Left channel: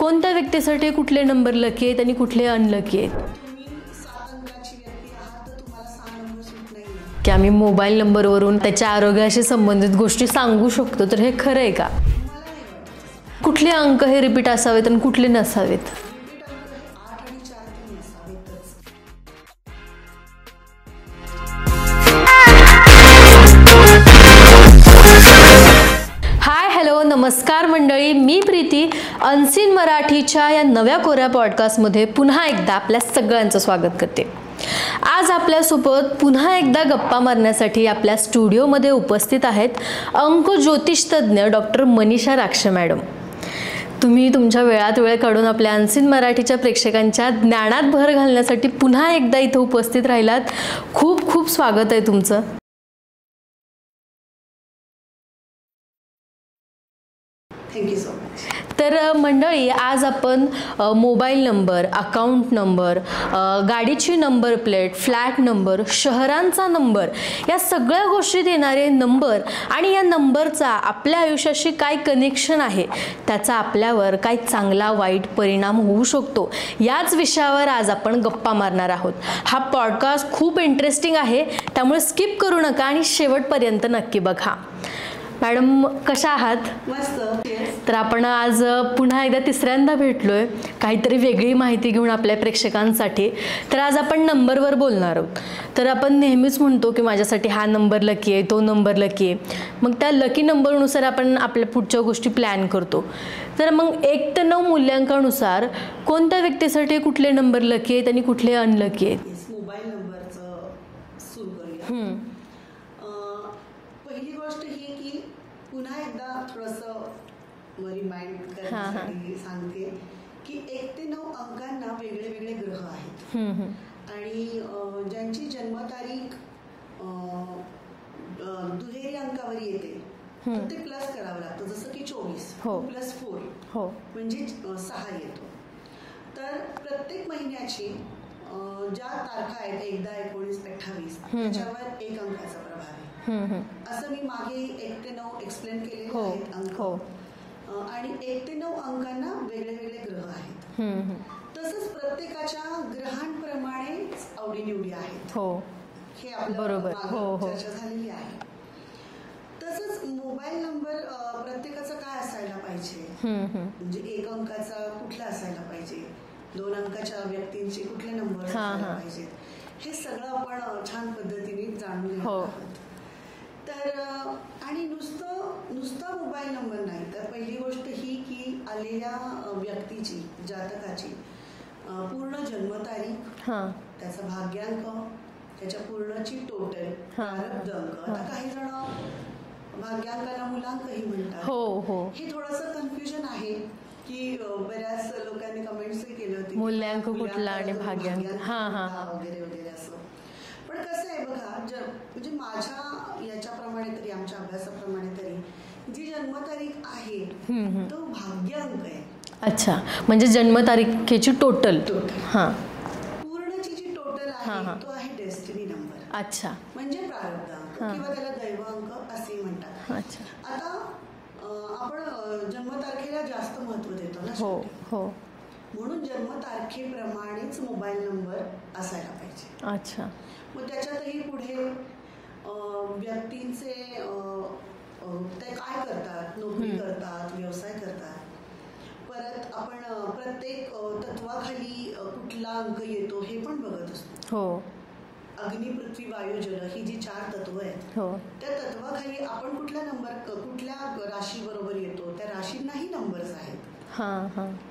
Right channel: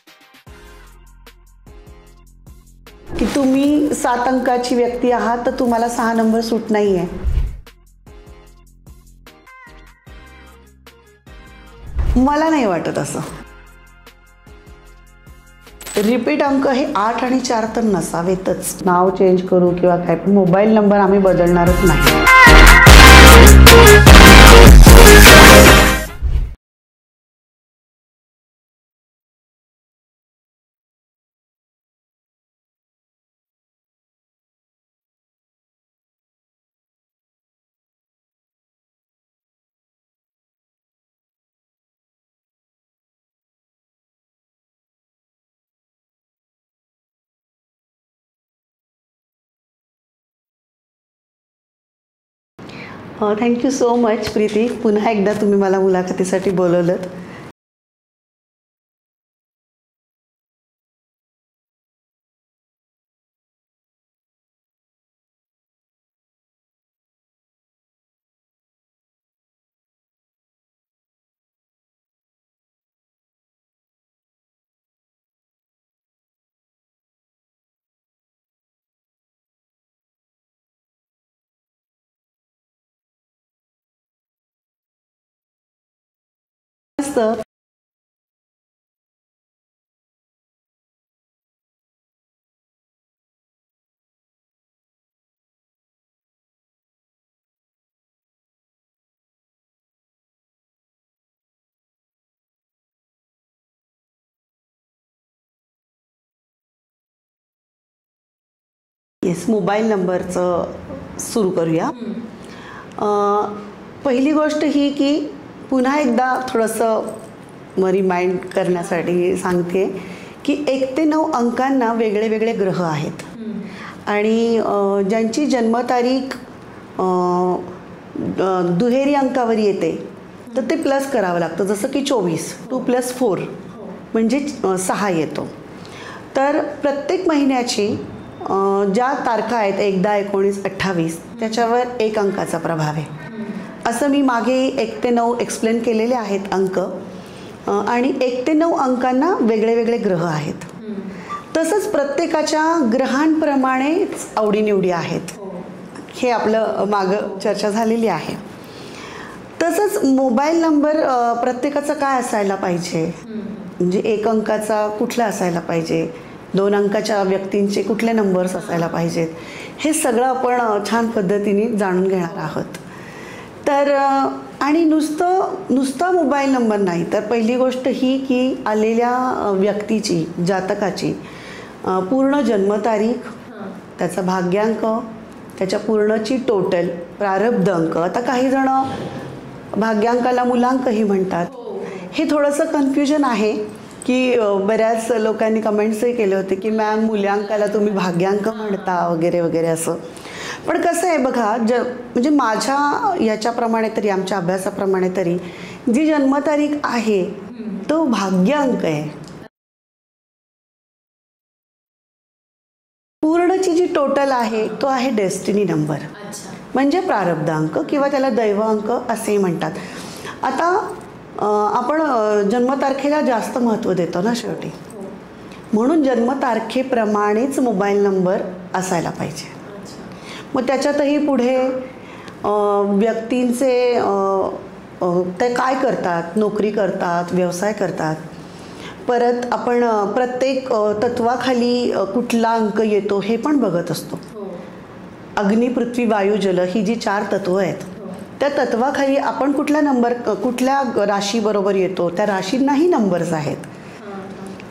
कोणत्या व्यक्तीसाठी कुठले नंबर लकी आहेत आणि कुठले अनलकी आहेत? की तुम्ही 7 अंकाची व्यक्ती आहात तर तुम्हाला 6 नंबर सूट नाही आहे. की आम्ही मोबाईल नंबरवरून त्याच्या आरोग्याशी संबंधित गोष्टी सांगू शकतो, तर हे खरं आहे का? मला नाही वाटत असं. कुठले अंक हे रिपीट असावेत आणि कुठले नसावेत? रिपीट अंक हे 8 आणि 4 तर नसावेतच. नाव चेंज करू किंवा काय, मोबाईल नंबर आम्ही बदलणारच नाही. हाय हॅलो नमस्कार मंडळी, मी प्रीती. अनसीन मराठीच्या या नव्या कोऱ्या पॉडकास्टमध्ये पुन्हा एकदा आपल्या सगळ्यांचं स्वागत करते. आज आपल्यासोबत पुन्हा एकदा गप्पा मारण्यासाठी आपल्या स्टुडिओमध्ये उपस्थित आहेत अंक ज्योतिषतज्ञ डॉक्टर मनीषा राक्षे मॅडम. तुम्ही तुमच्या वेळात वेळ काढून आपल्या अनसीन मराठीच्या प्रेक्षकांच्या ज्ञानात भर घालण्यासाठी पुन्हा एकदा इथं उपस्थित राहिलात. खूप खूप स्वागत आहे तुमचं. Thank you so much Preeti. पुन्हा एकदा तुम्ही मला मुलाखतीसाठी बोलवलं. Thank you so much. तर मंडळी, आज आपण मोबाईल नंबर, अकाउंट नंबर, गाडीची नंबर प्लेट, फ्लॅट नंबर, शहरांचा नंबर, या सगळ्या गोष्टीत येणारे नंबर आणि या नंबरचा आपल्या आयुष्याशी काय कनेक्शन आहे, त्याचा आपल्यावर काय चांगला वाईट परिणाम होऊ शकतो, याच विषयावर आज आपण गप्पा मारणार आहोत. हा पॉडकास्ट खूप इंटरेस्टिंग आहे, त्यामुळे स्किप करू नका आणि शेवटपर्यंत नक्की बघा. मॅडम कशा आहात? मस्त. तर आपण आज पुन्हा एकदा तिसऱ्यांदा भेटलोय काहीतरी वेगळी माहिती घेऊन आपल्या प्रेक्षकांसाठी. तर आज आपण नंबरवर बोलणार आहोत. तर आपण नेहमीच म्हणतो की माझ्यासाठी हा नंबर लकी आहे, तो नंबर लकी आहे. मग त्या लकी नंबरनुसार आपण आपल्या पुढच्या गोष्टी प्लॅन करतो. तर मग 1 ते 9 मूल्यांकानुसार कोणत्या व्यक्तीसाठी कुठले नंबर लकी आहेत आणि कुठले अनलकी आहेत? येस, मोबाईल नंबरचं सुरू करूया. पहिली गोष्ट ही की पुन्हा एकदा थोडंसं रिमाइंड करण्यासाठी सांगते की 1 ते 9 अंकांना वेगळे वेगळे ग्रह आहेत आणि ज्यांची जन्मतारीख दुहेरी अंकावर येते तर ते प्लस करावं लागतं. जसं की 24, 2 + 4 म्हणजे 6 येतो. तर प्रत्येक महिन्याची ज्या तारखा आहेत 1, 10, 19, 28 त्याच्यावर 1 अंकाचा प्रभाव आहे. असं मी मागे 1 ते 9 एक्सप्लेन केलेले आहेत अंक. आणि 1 ते 9 अंकांना वेगळे वेगळे ग्रह आहेत. तसंच प्रत्येकाच्या ग्रहांप्रमाणेच आवडीनिवडी आहेत. हे आपलं मागं चर्चा झालेली आहे. तसंच मोबाईल नंबर प्रत्येकाचा काय असायला पाहिजे, म्हणजे 1 अंकाचा कुठला असायला पाहिजे, 2 अंकाच्या व्यक्तींचे कुठले नंबर्स असायला पाहिजेत, हे सगळं आपण छान पद्धतीने जाणून घेणार आहोत. तर आणि नुसता मोबाईल नंबर नाही, तर पहिली गोष्ट ही की आलेल्या व्यक्तीची, जातकाची पूर्ण जन्मतारीख, त्याचा भाग्यांक, त्याच्या पूर्णची टोटल, प्रारब्ध अंक. आता काही जण भाग्यांकाला मुलांकही म्हणतात. हे थोडंसं कन्फ्युजन आहे की बऱ्याच लोकांनी कमेंट्सही केले होते की मॅम मूल्यांकाला तुम्ही भाग्यांक म्हणता वगैरे वगैरे असं. पण कसं आहे बघा, म्हणजे माझ्या याच्याप्रमाणे तरी, आमच्या अभ्यासाप्रमाणे तरी जी जन्मतारीख आहे तो भाग्यांक आहे. अच्छा, म्हणजे जन्मतारखेची टोटल. हां, पूर्णची जी टोटल आहे तो आहे डेस्टिनी नंबर. अच्छा, म्हणजे प्रारब्ध अंक किंवा त्याला दैव अंक असेही म्हणतात. आता आपण जन्मतारखेला जास्त महत्त्व देतो ना शेवटी, म्हणून जन्मतारखेप्रमाणेच मोबाईल नंबर असायला पाहिजे. अच्छा. मग त्याच्यातही पुढे व्यक्तींचे ते काय करतात, नोकरी करतात, व्यवसाय करतात. परत आपण प्रत्येक तत्वाखाली कुठला अंक येतो हे पण बघत असतो. अग्नी, पृथ्वी, वायू, जल ही जी 4 तत्व आहेत, त्या तत्वाखाली आपण कुठल्या राशीबरोबर येतो, त्या राशींनाही नंबर्स आहेत.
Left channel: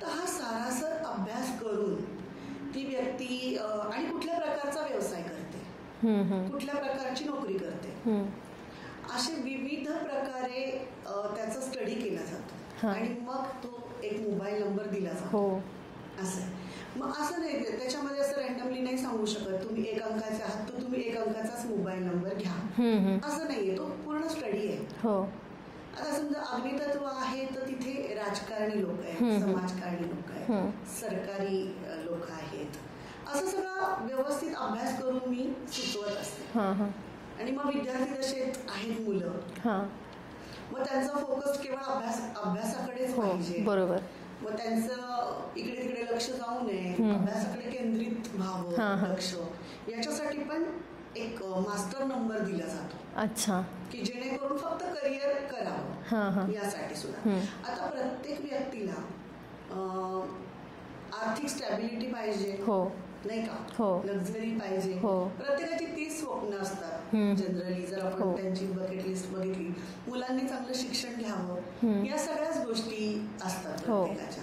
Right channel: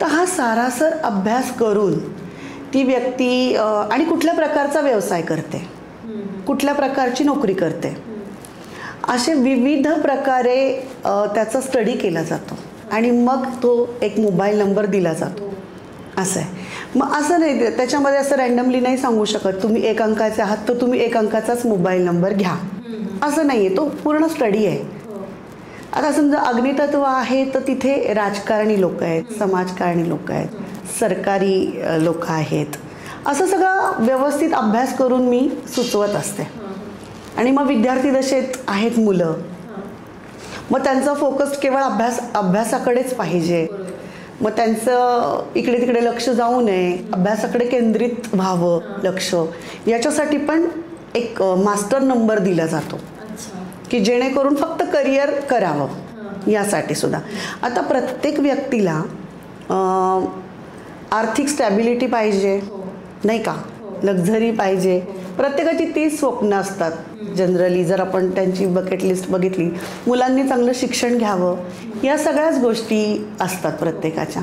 तर हा सारासर अभ्यास करून ती व्यक्ती आणि कुठल्या प्रकारचा व्यवसाय करते, कुठल्या प्रकारची नोकरी करते, असे विविध प्रकारे त्याचा स्टडी केला जातो आणि मग तो एक मोबाईल नंबर दिला जातो. असं आहे. मग असं नाही, त्याच्यामध्ये असं रँडमली नाही सांगू शकत तुम्ही 1 अंकाचे आहात तर तुम्ही 1 अंकाचाच मोबाईल नंबर घ्या, असं नाही आहे. तो पूर्ण स्टडी आहे. आता समजा अग्नितत्व आहे तर तिथे राजकारणी लोक आहेत, समाजकारणी लोक आहेत, सरकारी लोक आहेत. असं सगळं व्यवस्थित अभ्यास करून मी सुचवत असते. आणि मग विद्यार्थी दशेत आहेत मुलं, मग त्यांचा फोकस केवळ अभ्यासाकडेच पाहिजे. मग त्यांचं इकडे तिकडे लक्ष जाऊ नये, अभ्यासाकडे केंद्रित व्हावं लक्ष, याच्यासाठी पण एक मास्टर नंबर दिला जातो. अच्छा. की जेणेकरून फक्त करिअर करावं यासाठी सुद्धा. आता प्रत्येक व्यक्तीला आर्थिक स्टॅबिलिटी पाहिजे, नाही का, लक्झरी पाहिजे. प्रत्येकाची 30 स्वप्न असतात जनरली. जर आपण त्यांची बकेट लिस्ट बघितली, मुलांनी चांगलं शिक्षण घ्यावं, या सगळ्याच गोष्टी असतात प्रत्येकाच्या.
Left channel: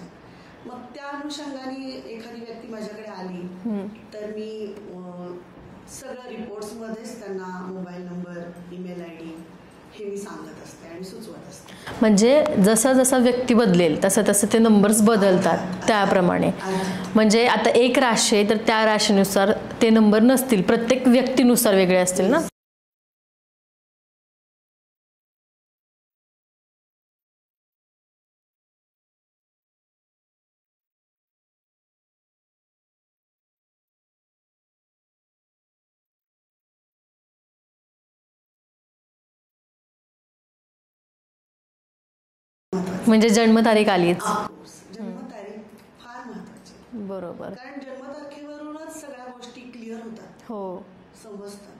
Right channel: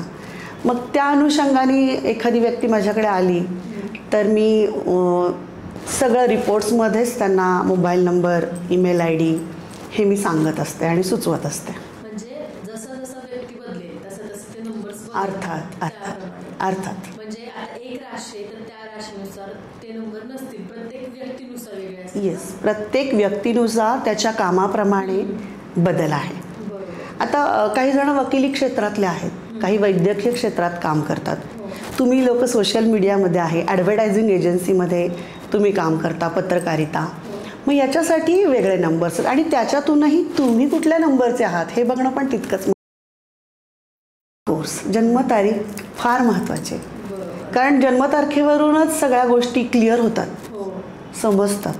मग त्या अनुषंगाने एखादी व्यक्ती माझ्याकडे आली तर मी सगळं रिपोर्ट्समध्येच त्यांना मोबाईल नंबर, ईमेल ID हे मी सांगत असते आणि सुचवत असते. म्हणजे जसा जसा व्यक्ती बदलेल तसं तसं ते नंबर्स बदलतात त्याप्रमाणे. म्हणजे आता एक राशी आहे तर त्या राशीनुसार ते नंबर नसतील, प्रत्येक व्यक्तीनुसार वेगळे असतील ना. प्रत्येक व्यक्तीनुसार त्याच्या कामाप्रमाणे बदल आहे. आता काही जण वकिली क्षेत्रातले आहेत, काही वैद्यकीय क्षेत्रात काम करतात. तुम्ही लोक सोशल मीडियामध्ये आहे, ॲडव्हर्टायझिंग एजन्सीमध्ये तुम्ही काम करता, पत्रकारिता. मग याच्यासाठी वेगळे नंबर्स आणि त्याच्यातूनही तुम्ही कुठल्या नंबरचे आहात हे बघणं पण तितकंच महत्त्वाचं. म्हणजे जन्मतारीख आलीच. ऑफकोर्स जन्मतारीख फार महत्त्वाची, कारण जन्मतारखेवरूनच सगळ्या गोष्टी क्लिअर होतात, समजतात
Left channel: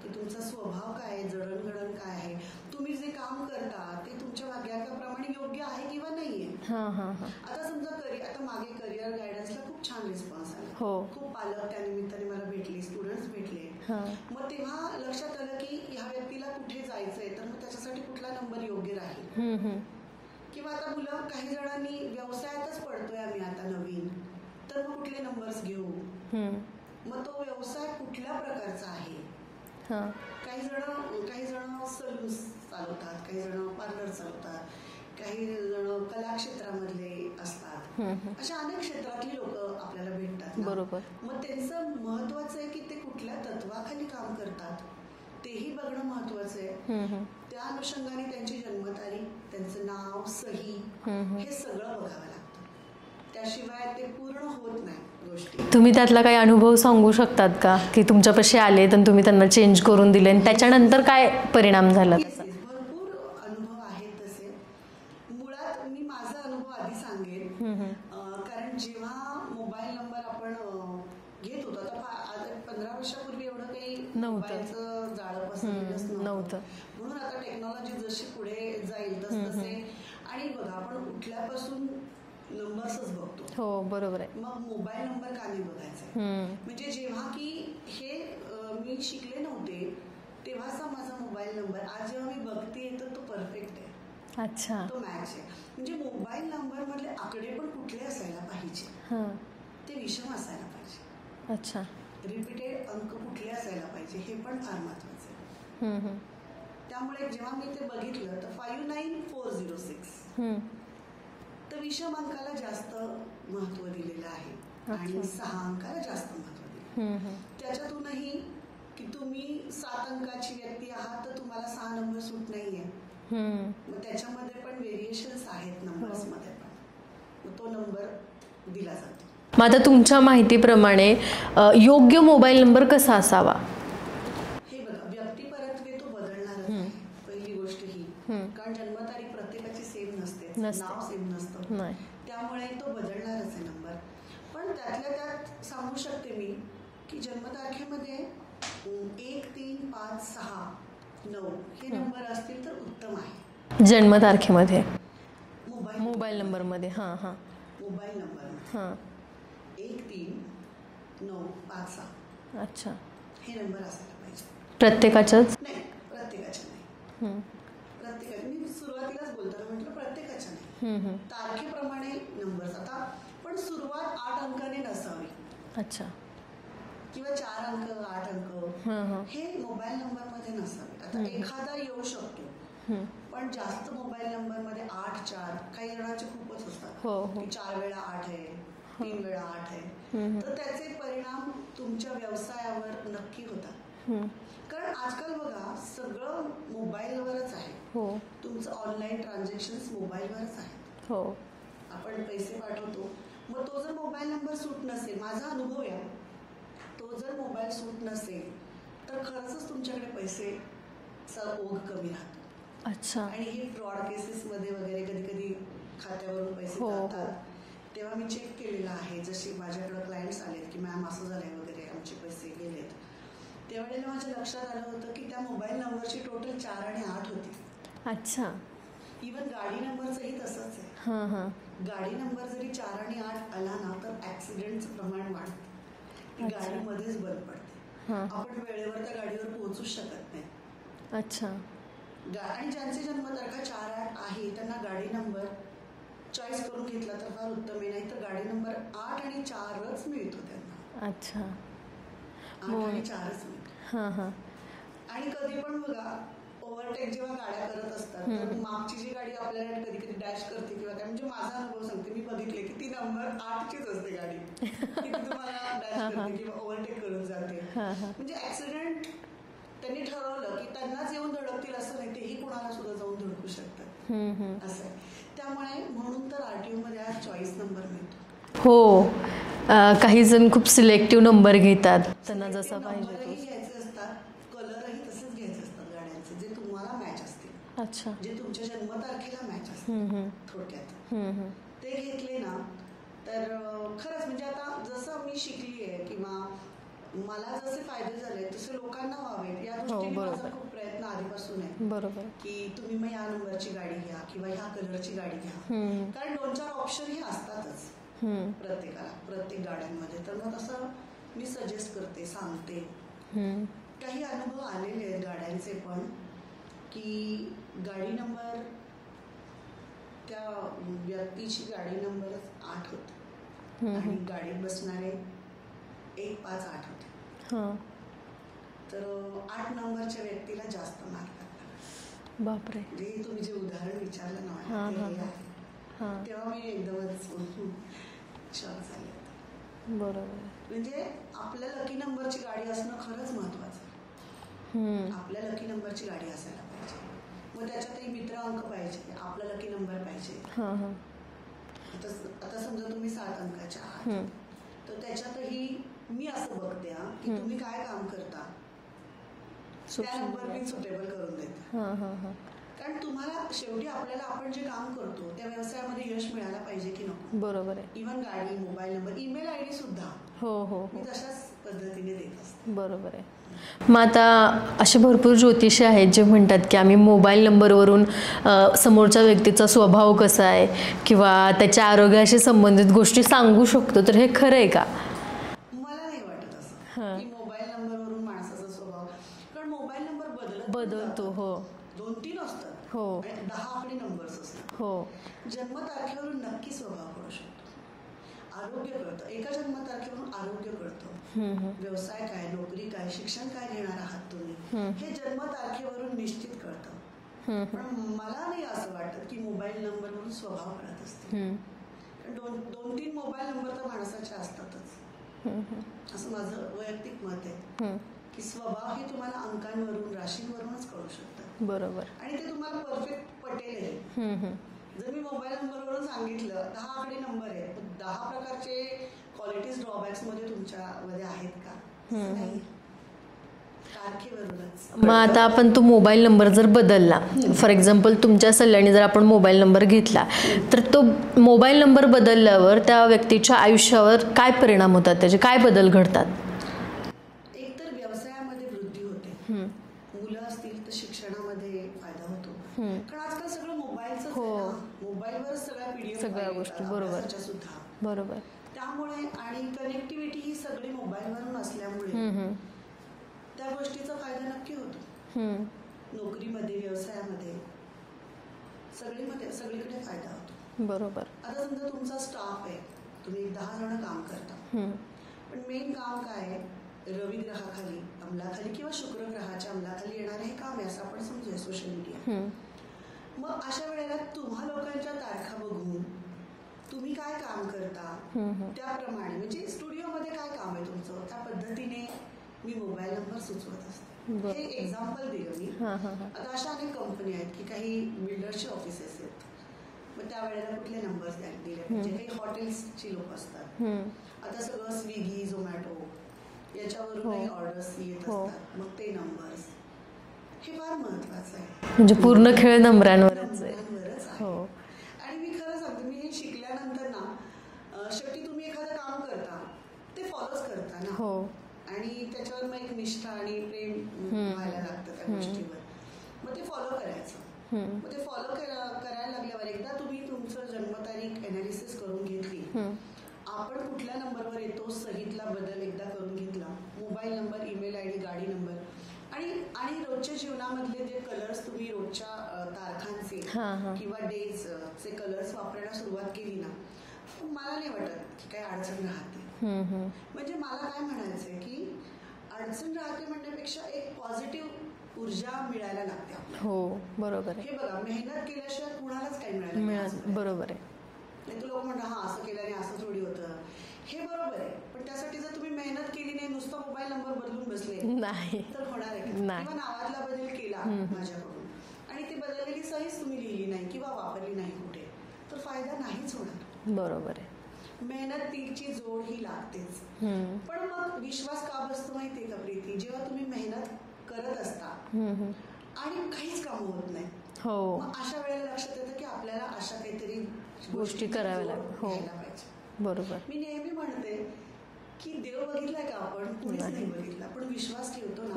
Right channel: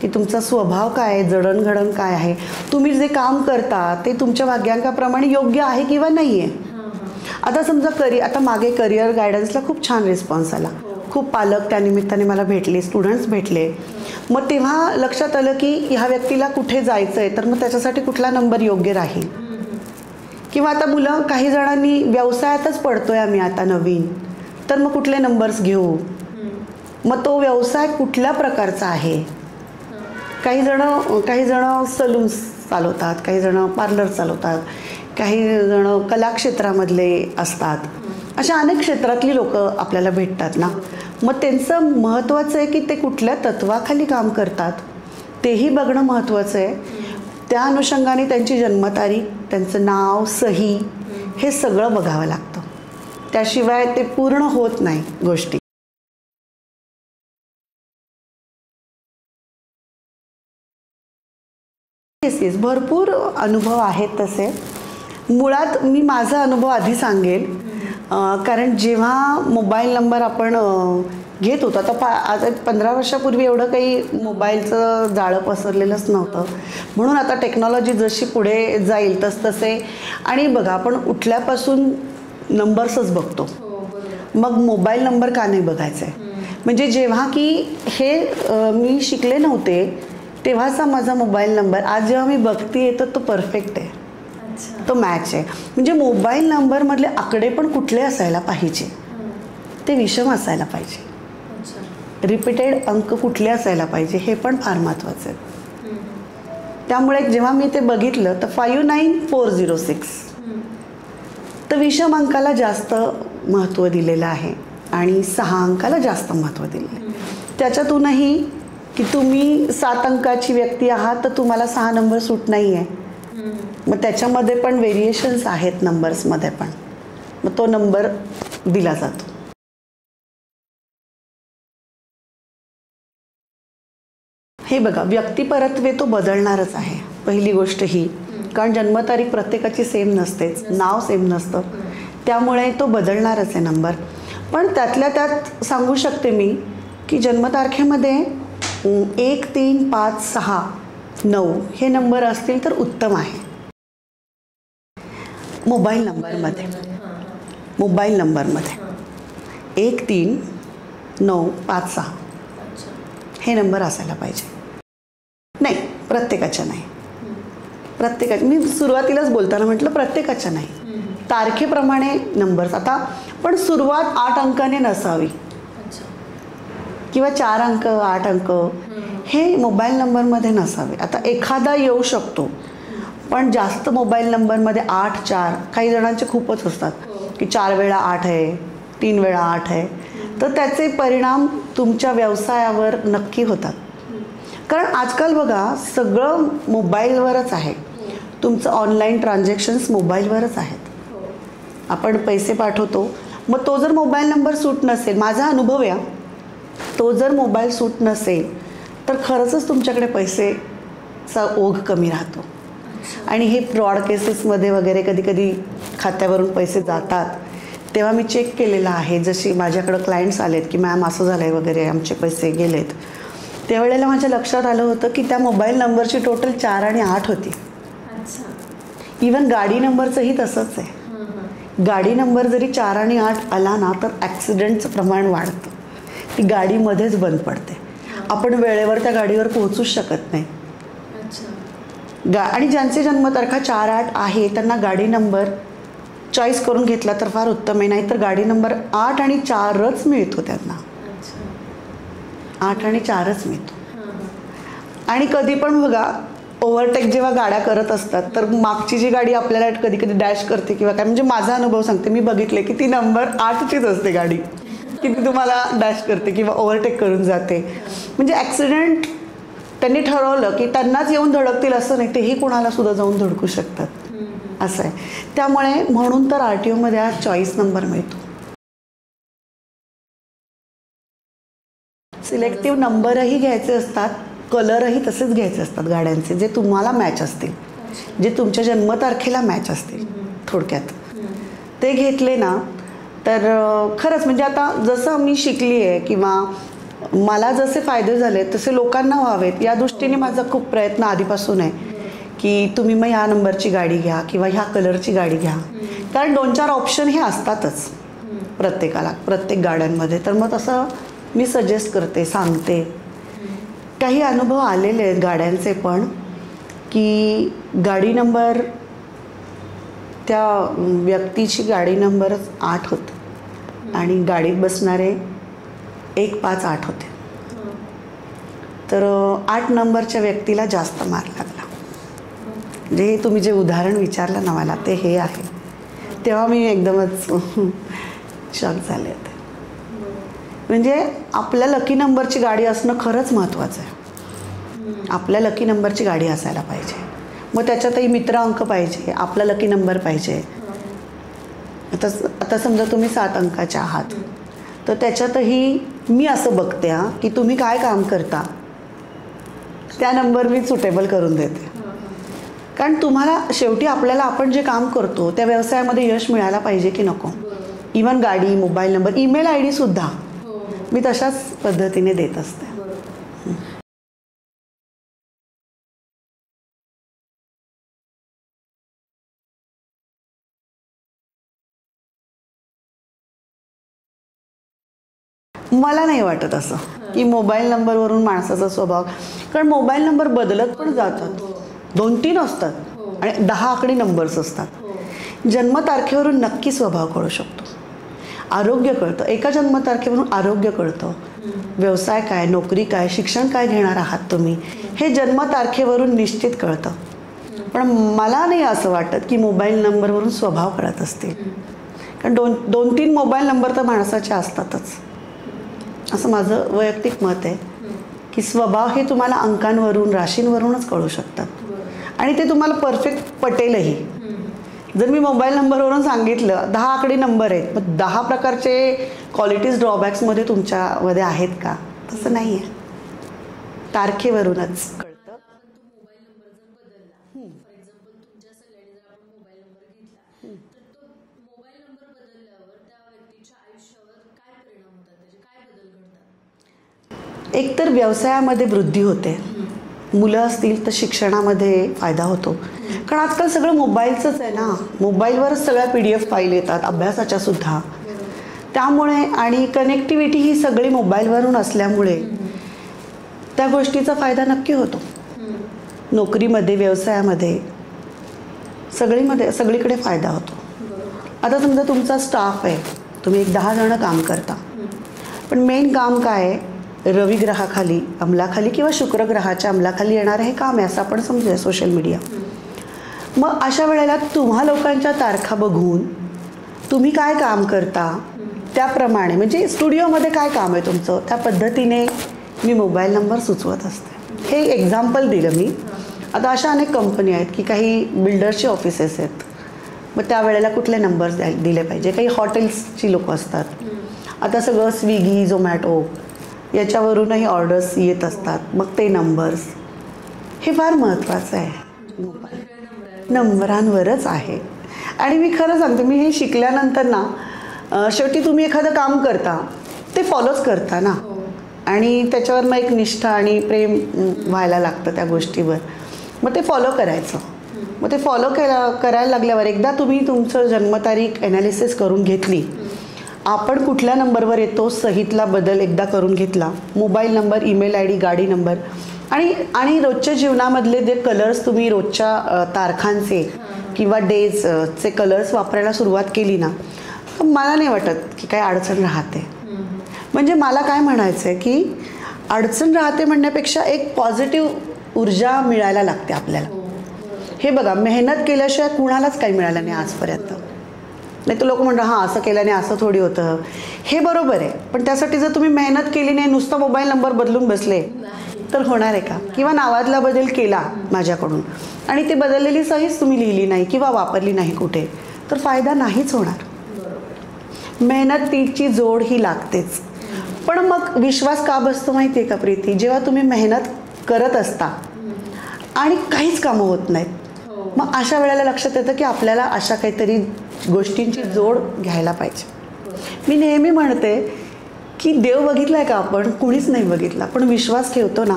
की तुमचा स्वभाव काय आहे, जडणघडण काय आहे, तुम्ही जे काम करता ते तुमच्या भाग्यांकाप्रमाणे योग्य आहे किंवा नाही आहे. आता समजा आता मागे करिअर गायडन्सला खूप छान रिस्पॉन्स आला. खूप पालक त्यानिमित्ताने मला भेटले, स्टुडंट्स भेटले. मग तेव्हा लक्षात आलं की ह्या व्यक्तीला कुठे जायचं आहे, तर मग त्याच्यासाठी कुठला नंबर योग्य राहील. किंवा आता मुलं, काही जणांनी व्यवसायातच पडतोय आम्ही आता नवीन, तर मग कुठले नंबर्स घेऊ, मग तो व्यवसाय कुठल्या प्रकारचा आहे. काही जण सलून्स चालवतात, काही जण पार्लर चालवतात, काही जण कला क्षेत्रामधले असतात. अशा अनेक क्षेत्रातली लोक आपल्याला भेटतात ना. मग त्यांचं महत्त्वाचं आहे की ते कुठल्या तत्वाखाली काम करतात तेही बघणं महत्त्वाचं आहे. त्या अनुषंगाने त्यांची जन्मतारीख, त्यांचं नाव, सही हे सगळं बघावं लागतं. त्याशिवाय ते पूर्ण होत नाही गोष्टी. तुम्ही त्यातला काही अनुभव सांगू शकतात का, की तुमच्यापाशी आले तर तुम्ही त्यांना चेंज करून दिले आणि त्याच्यानंतर काय परिणाम झाला? येस, भरपूर अनुभव आहेत तसे. मुळात मी माझा अनुभव आधी सांगेल, कारण जेव्हा मोबाईल नंबर आपण घेत होतो, आता आज 15 वर्षापूर्वी एवढं काही मोबाईलचं जाळं पसरलेलंच नव्हतं. म्हणून आता टेक्नॉलॉजी जशी पुढे जाईल तसतसे. आणि बघा, आपण उठल्यापासून नंबर्सच बघतो, मग मोबाईल नंबर का नाही बघायचा आहे. म्हणजे जेव्हा की हे मी शिकले नव्हते तेव्हाचा माझा मोबाईल नंबर आज जेव्हा मी बघते तर तो परफेक्ट आहे, तो मॅच आहे. म्हणजे मोबाईल नंबरमधले आकडे पण कुठले असायला पाहिजे, ते विषम असायला पाहिजे. रिपीटेड अंक कुठले असायला पाहिजे हे पण फार महत्त्वाचं आहे. त्यामुळे जेव्हा मी ते बघितलं तर 59406 तर विषम अंकाला जास्त महत्त्व दिलेलं आहे आणि 6 अंकाला जास्त महत्त्व दिलेलं आहे. त्याच्यातूनही की तुम्ही 7 अंकाची व्यक्ती आहात तर तुम्हाला 6 नंबर सूट नाही आहे. मग त्याच्यामध्ये पण व्हेरिएशन्स आहेत नंबर्समध्ये पण, मग तो नंबर दिला जातो. मग आता तुमच्या माहितीप्रमाणे योग्य मोबाईल नंबर कसा असावा? हे बघा, व्यक्तिपरत्वे तो बदलणारच आहे पहिली गोष्ट ही, कारण जन्मतारीख प्रत्येकाची सेम नसतेच, नाव सेम नसतं, त्यामुळे तो बदलणारच आहे नंबर. पण त्यातल्या त्यात सांगू शकते मी की जन्मतारखेमध्ये 1, 3, 5, 6, 9 हे नंबर असतील तर उत्तम आहे. जन्मतारखेमध्ये मोबाईल नंबरमध्ये 1, 3, 9, 5, 6 हे नंबर असायला पाहिजे. प्रत्येकाच्याच नाही, प्रत्येकाच्या नाही. मी सुरुवातीलाच बोलताना म्हटलं प्रत्येकाच्या नाही, तारखेप्रमाणे नंबर्स. आता पण सुरुवात 8 अंकाने नसावी किंवा 4 अंक 8 अंक हे मोबाईल नंबरमध्ये नसावे. आता एखादा येऊ शकतो, पण जास्त मोबाईल नंबरमध्ये 8, 4 काही जणांचे खूपच असतात की 4 वेळा 8 आहे, 3 वेळा 8 आहे, तर त्याचे परिणाम तुमच्या व्यवसायावर नक्की होतात. कारण आजकाल बघा सगळं मोबाईलवरच आहे, तुमचं ऑनलाईन ट्रान्झॅक्शन्स मोबाईलवरच आहेत. आपण पैसे पाठवतो, मग तो जर मोबाईल नंबर सूट नसेल, माझा अनुभव आहे, तो जर मोबाईल सूट नसेल तर खरंच तुमच्याकडे पैसेचा ओघ कमी राहतो. आणि हे फ्रॉड केसेसमध्ये वगैरे कधी कधी खात्यावरून पैसे जातात, तेव्हा मी चेक केलेलं आहे. जशी माझ्याकडं क्लायंट्स आलेत की मॅम असं झालं आहे वगैरे, आमचे पैसे गेलेत, त्यावेळेला माझ्या लक्षात आलं होतं की त्या मोबाईल नंबरची टोटल 4 आणि 8 होती. अच्छा. इवन गाडी नंबरचंही तसंच आहे. गाडी नंबर जरी 4 आणि 8 आला ना तर ॲक्सिडेंटचं प्रमाण वाढतं. ती गाडीमध्येच बंद पडते. आपण वेळेवर त्या गाडीवर पोहोचूच शकत नाही. अच्छा. आणि ज्यांचे जन्मतारखा 4-8 आहे त्यांना गाडी नंबर चॉईस करून घेतला तर फार उत्तम आहे. नाहीतर गाडी नंबर 8 आणि 4च मिळतो त्यांना. 8 आणि 4च मिळतो. आणि कधी पण बघा ओव्हरटेक जेव्हा गाड्या करत असतात तर मागची जी गाडी आपल्याला कधी कधी डॅश करते किंवा काय, म्हणजे माझा अनुभव सांगते, मी बघितले की ती नंबर 8चीच असते गाडी, की ती तुम्हाला डॅश करते किंवा ओव्हरटेक करून जाते. म्हणजे ॲक्सिडेंट त्यांनी ठरवलं की त्यांनाच येऊन धडकतील असं नाही, तेही कोणाला सुद्धा जाऊन धडकू शकतात असं आहे. त्यामुळे म्हणून तर RTOमध्ये आज चॉईस नंबर मिळतो. हो. काही जण खूप सिलेक्टिव्ह नंबर घेतात. सिलेक्टिव्ह नंबरही घ्यायचे असतात, कलरही तसेच घ्यायचे असतात गाड्यांचे, जे तुम्हाला मॅच असतील, जे तुमच्या जन्मतारखेला मॅच असतील. थोडक्यात ते घेतले ना तर खरंच म्हणजे आता जसं मी शिकली आहे किंवा मला जसे फायदे झाले तसे लोकांना व्हावेत या दृष्टीने माझा खूप प्रयत्न आधीपासून आहे की तुम्ही मग ह्या नंबरची गाडी घ्या किंवा ह्या कलरची गाडी घ्या. कारण 2-4 ऑप्शन हे असतातच प्रत्येकाला, प्रत्येक गाड्यांमध्ये. तर मग तसं मी सजेस्ट करते, सांगते. काही अनुभव आलेले आहेत गाड्यांचे पण, की गाडी नंबर त्या व्यक्तीची गाडी नंबरच 8 होतं आणि गाडीत बसणारे 158 होते. तर 8 नंबरच्या व्यक्तीला जास्त मार लागला. म्हणजे हे तुम्ही जे उदाहरण विचारलं ना मला ते हे आहे. तेव्हा मी एकदमच शॉक झाले होते. म्हणजे आपल्या लकी नंबरची गाडी असणं खरंच महत्त्वाचं आहे. आपल्या लकी नंबरची गाडी असायला पाहिजे. मग त्याच्यातही मित्र अंक पाहिजे, आपला लकी नंबर पाहिजे. आता समजा तुम्ही 7 अंकाच्या आहात तर त्याच्यातही मी असं बघते की तुम्ही काय काम करता त्या नंबर मी सुटेबल करून देते. कारण तुम्हाला शेवटी आपल्याला आपण जे काम करतो त्या व्यवसायामध्ये यश मिळायला पाहिजे की नको. इवन गाडी, मोबाईल नंबर, ईमेल ID सुद्धा मी तशाच पद्धतीने देत असते. मग आता असे भरपूर ज्योतिषी आहेत जे म्हणतात की आम्ही मोबाईल नंबरवरून समोरच्या व्यक्तीचा स्वभाव कसा आहे किंवा त्याच्या आरोग्याशी संबंधित गोष्टी सांगू शकतो. तर हे खरं आहे का? मला नाही वाटत असं की मोबाईल नंबरवरून माणसाचा स्वभाव, कारण मोबाईल नंबर बदलत पण जातात. 2-3 असतात आणि 10 आकडी नंबर्स असतात. जन्मतारखेवरून नक्की स्वभाव कळू शकतो. आरोग्य कळतं, एका जन्मतारखेवरून आरोग्य कळतं. व्यवसाय काय, नोकरी काय, शिक्षण काय घेणार आहात तुम्ही, हे जन्मतारखेवरून निश्चित कळतं. पण मला नाही असं वाटत की मोबाईल नंबरवरून स्वभाव कळत असतील. कारण 2-3 मोबाईल नंबर तर माणसाचे असतातच, असं माझं वैयक्तिक मत आहे. की स्वभाव हे तुम्हाला अंकांवरून, राशींवरूनच कळू शकतात आणि ते तुम्हाला परफेक्ट पटेलही. जर मी मोबाईल नंबरवरून सांगितलं 10 आकडी नंबर आहेत, मग 10 प्रकारचे क्वालिटीज ड्रॉबॅक्समध्ये तुमच्यामध्ये आहेत का? तसं नाही आहे, तारखेवरूनच. मग आता आपण तो मोबाईल नंबर जर बदलला, फॉर एक्झाम्पल तुमच्या सल्ल्याने जर आपण मोबाईल नंबर घेतला तर तो मोबाईल नंबर बदलल्यावर त्या व्यक्तीच्या आयुष्यावर काय परिणाम होतात, त्याचे काय बदल घडतात? एकतर व्यवसायामध्ये वृद्धी होते, मुलं असतील तर शिक्षणामध्ये फायदा होतो. कारण आजकाल सगळं मोबाईलचंच आहे ना, मोबाईलवरच सगळ्या PDF फाईल येतात अभ्यासाच्या सुद्धा. त्यामुळे आणि कनेक्टिव्हिटी ही सगळी मोबाईलवरून असल्यामुळे त्या गोष्टीचा फायदा नक्की होतो. नोकरीमध्ये, व्यवसायामध्ये, सगळीकडे फायदा होतो. आता समजा तुमचा स्टाफ आहे, तुम्ही 10 जण काम करता, पण मेन काम काय आहे? रवी ग्रहाखाली, अंमलाखाली किंवा शुक्र ग्रहाच्या अंमलाखाली येणारं हे काम आहे असं आपण समजूया, सोशल मीडिया. मग अशा वेळेला तुम्हा लोकांच्या तारखा बघून तुम्ही काय काम करता त्याप्रमाणे, म्हणजे स्टुडिओमध्ये काय काम आहे तुमचं, त्या पद्धतीने मी मोबाईल नंबर सुचवत असते. हे एक्झाम्पल दिलं मी. आता अशा अनेक कंपनी आहेत की काही बिल्डर्सचे ऑफिसेस आहेत, मग त्यावेळेला कुठले नंबर्स दिले पाहिजे. काही हॉटेल्सची लोक असतात, आता सगळं स्विगी, झोमॅटो याच्यावरूनही ऑर्डर्स येत असतात, मग ते नंबर्स, हे फार महत्त्वाचं आहे. म्हणजे पूर्ण खेळ नंबरांवरच आहे. आणि मी खरं सांगते, मी हे शिकल्यानंतर ना शेवटी तुम्ही एखादं काम करता ते फॉलोच करता ना, आणि त्याच्यावर मग एक निष्ठा आणि प्रेम व्हायला लागतं त्या गोष्टीवर. मग ते फॉलो करायचं. मग ते फॉलो करायला लागल्यावर एकदा तुम्ही तुमचं जन्मतारीख ॲनालिसिस करून घेतली, आपण कुठल्या नंबरवर येतो सहीतला बदल एकदा करून घेतला, mobile number, email I D, गाडी नंबर आणि रोजच्या जीवनामधले जे कलर्स तुम्ही रोजच्या तारखांचे किंवा डेजचे कलर्स वापरायला सुरुवात केली ना, तर मला नाही वाटत की काय अडचण राहते. म्हणजे मला काय म्हणायचं आहे की अडचण राहते म्हणण्यापेक्षा एक पॉझिटिव्ह ऊर्जा मिळायला लागते आपल्याला. हे बघा, मेहनत केल्याशिवाय कुणालाच काही मिळालं नाही आजपर्यंत. नाही तर लोक म्हणतात हां असं केल्याने असं थोडी होतं. हे बरोबर आहे, पण त्यासाठी जर तुम्ही मेहनत केली नाही, नुसता मोबाईल नंबर बदलून बसले तर होणार आहे का? किंवा नावातला बदल केला माझ्याकडून आणि ती बदललेली सहीच तुम्ही लिहिली नाही किंवा वापरली नाही कुठे, तर फायदा नाहीच होणार. मेहनतीची जोड ही लागतेच. पण मग विश्वास का बसतो माहिती आहे का प्रीती? जेव्हा तुम्ही मेहनत करत असता आणि काहीच कामं होत नाहीत, मग अशा वेळेला लक्षात येतं की आपल्याला अशा काहीतरी गोष्टींची जोड घ्यायला पाहिजे. मी नेहमी म्हणते की देव बघितलाय का आपण? कुणीच नाही बघितला, पण विश्वास ठेवतो ना,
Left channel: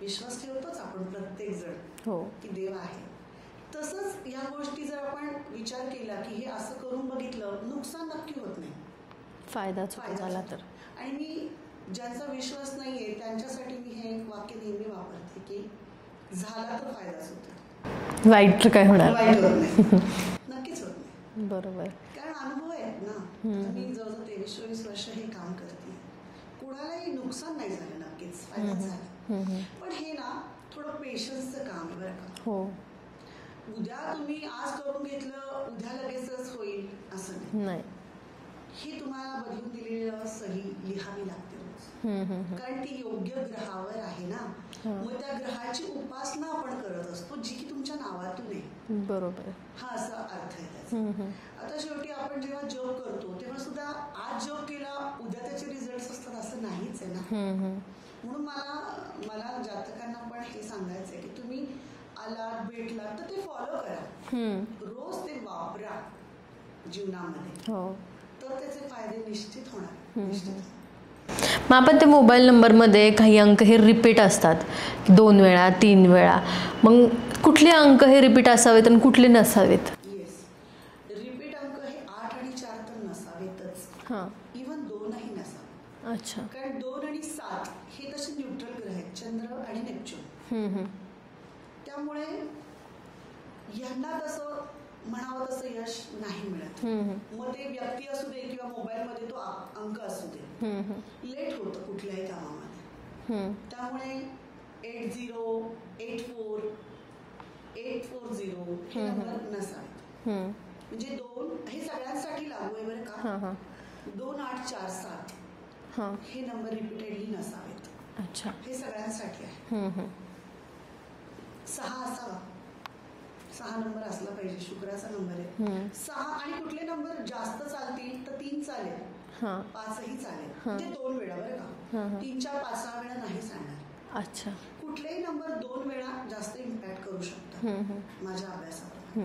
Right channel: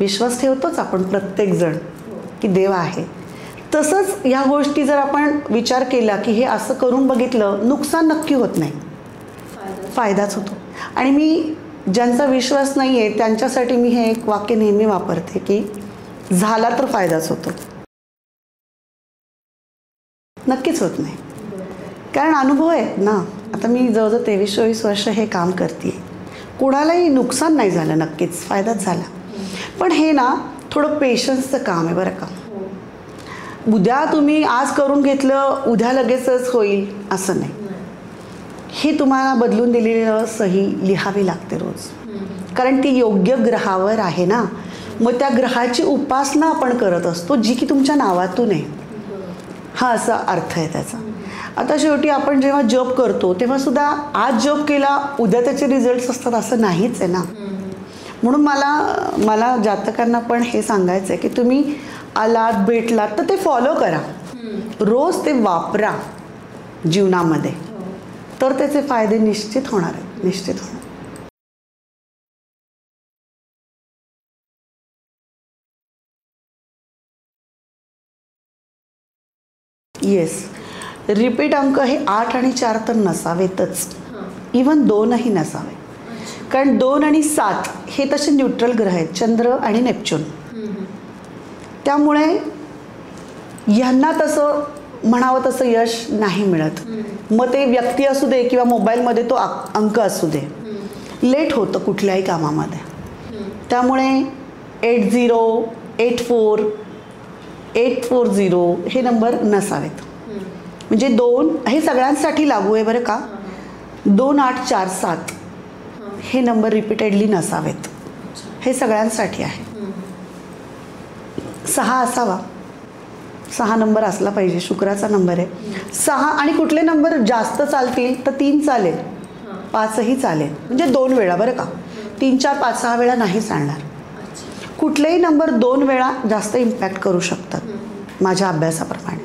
विश्वास ठेवतोच आपण प्रत्येकजण की देव आहे. तसंच ह्या गोष्टी जर आपण विचार केला की हे असं करून बघितलं, नुकसान नक्की होत नाही, फायदाच होतो. आणि मी ज्यांचा विश्वास नाही आहे त्यांच्यासाठी मी हे एक वाक्य नेहमी वापरते की झाला तर फायदाच होतो, वाईट तर काय होणार? नक्कीच होत नाही. कारण अनुभव आहेत ना. आता मी जवळजवळ 23-24 वर्ष हे काम करते, कोणालाही नुकसान नाही झालं, नक्कीच फायदाच झाला. पण हे ना थोडं पेशन्सचं काम आहे बरं का. उद्या तुम्ही आज करून घेतलं उद्या लगेचच होईल असं नाही. ही तुम्हाला बदलून दिलेलं सही लिहावी लागते रोज, कारण ती योग्य ग्रहावर आहे ना. मग त्या ग्रहाची उपासना आपण करत असतो जी की तुमच्या नावातून आहे, हा असा अर्थ आहे त्याचा. आता शेवटी आपण जेव्हा जॉब करतो तेव्हा सुद्धा आज जॉब केला उद्या त्याचे रिझल्ट्स असतात असं नाहीच आहे ना. म्हणून मला जातकांना पण हे सांगायचं आहे की तुम्ही आलात भेटलात तर ते फॉलो करा, रोज ते वापरा जीवनामध्ये, तर त्याचे फायदे निश्चित होणार आहेत, निश्चित होणार. मग आपण ते मोबाईल नंबरमध्ये काही अंक हे रिपीट असतात 2 वेळा 3 वेळा, मग कुठले अंक हे रिपीट असावेत आणि कुठले नसावेत? येस, रिपीट अंक हे 8 आणि 4 तर नसावेतच, इवन 2ही नसावे. कारण 2 आणि 7 हे तसे न्यूट्रल ग्रह आहेत, चंद्र आणि नेपच्यून. त्यामुळे यांना तसं म्हणावं तसं यश नाही मिळत. मग ते व्यक्ती असू दे किंवा मोबाईलमध्ये तो अंक असू दे, लेट होतं कुठल्याही कामामध्ये. त्यामुळे 80, 84, 840 हे नंबर नसावेत. म्हणजे 2 हे सगळ्यांसाठी लागू आहे बरं का. 2, 8, 4, 7 हे नंबर रिपीटेडली नसावेत, हे सगळ्यांसाठी आहे. 6 असावा, 6 नंबर असला पाहिजे, शुक्राचा नंबर आहे 6. आणि कुठले नंबर जास्त चालतील तर 3 चालेल, 5ही चालेल, म्हणजे 2 वेळा बरं का. 3, 4, 5, 6 वेळा नाही चालणार. कुठलेही नंबर 2 वेळा जास्त इम्पॅक्ट करू शकतात माझ्या अभ्यासाप्रमाणे.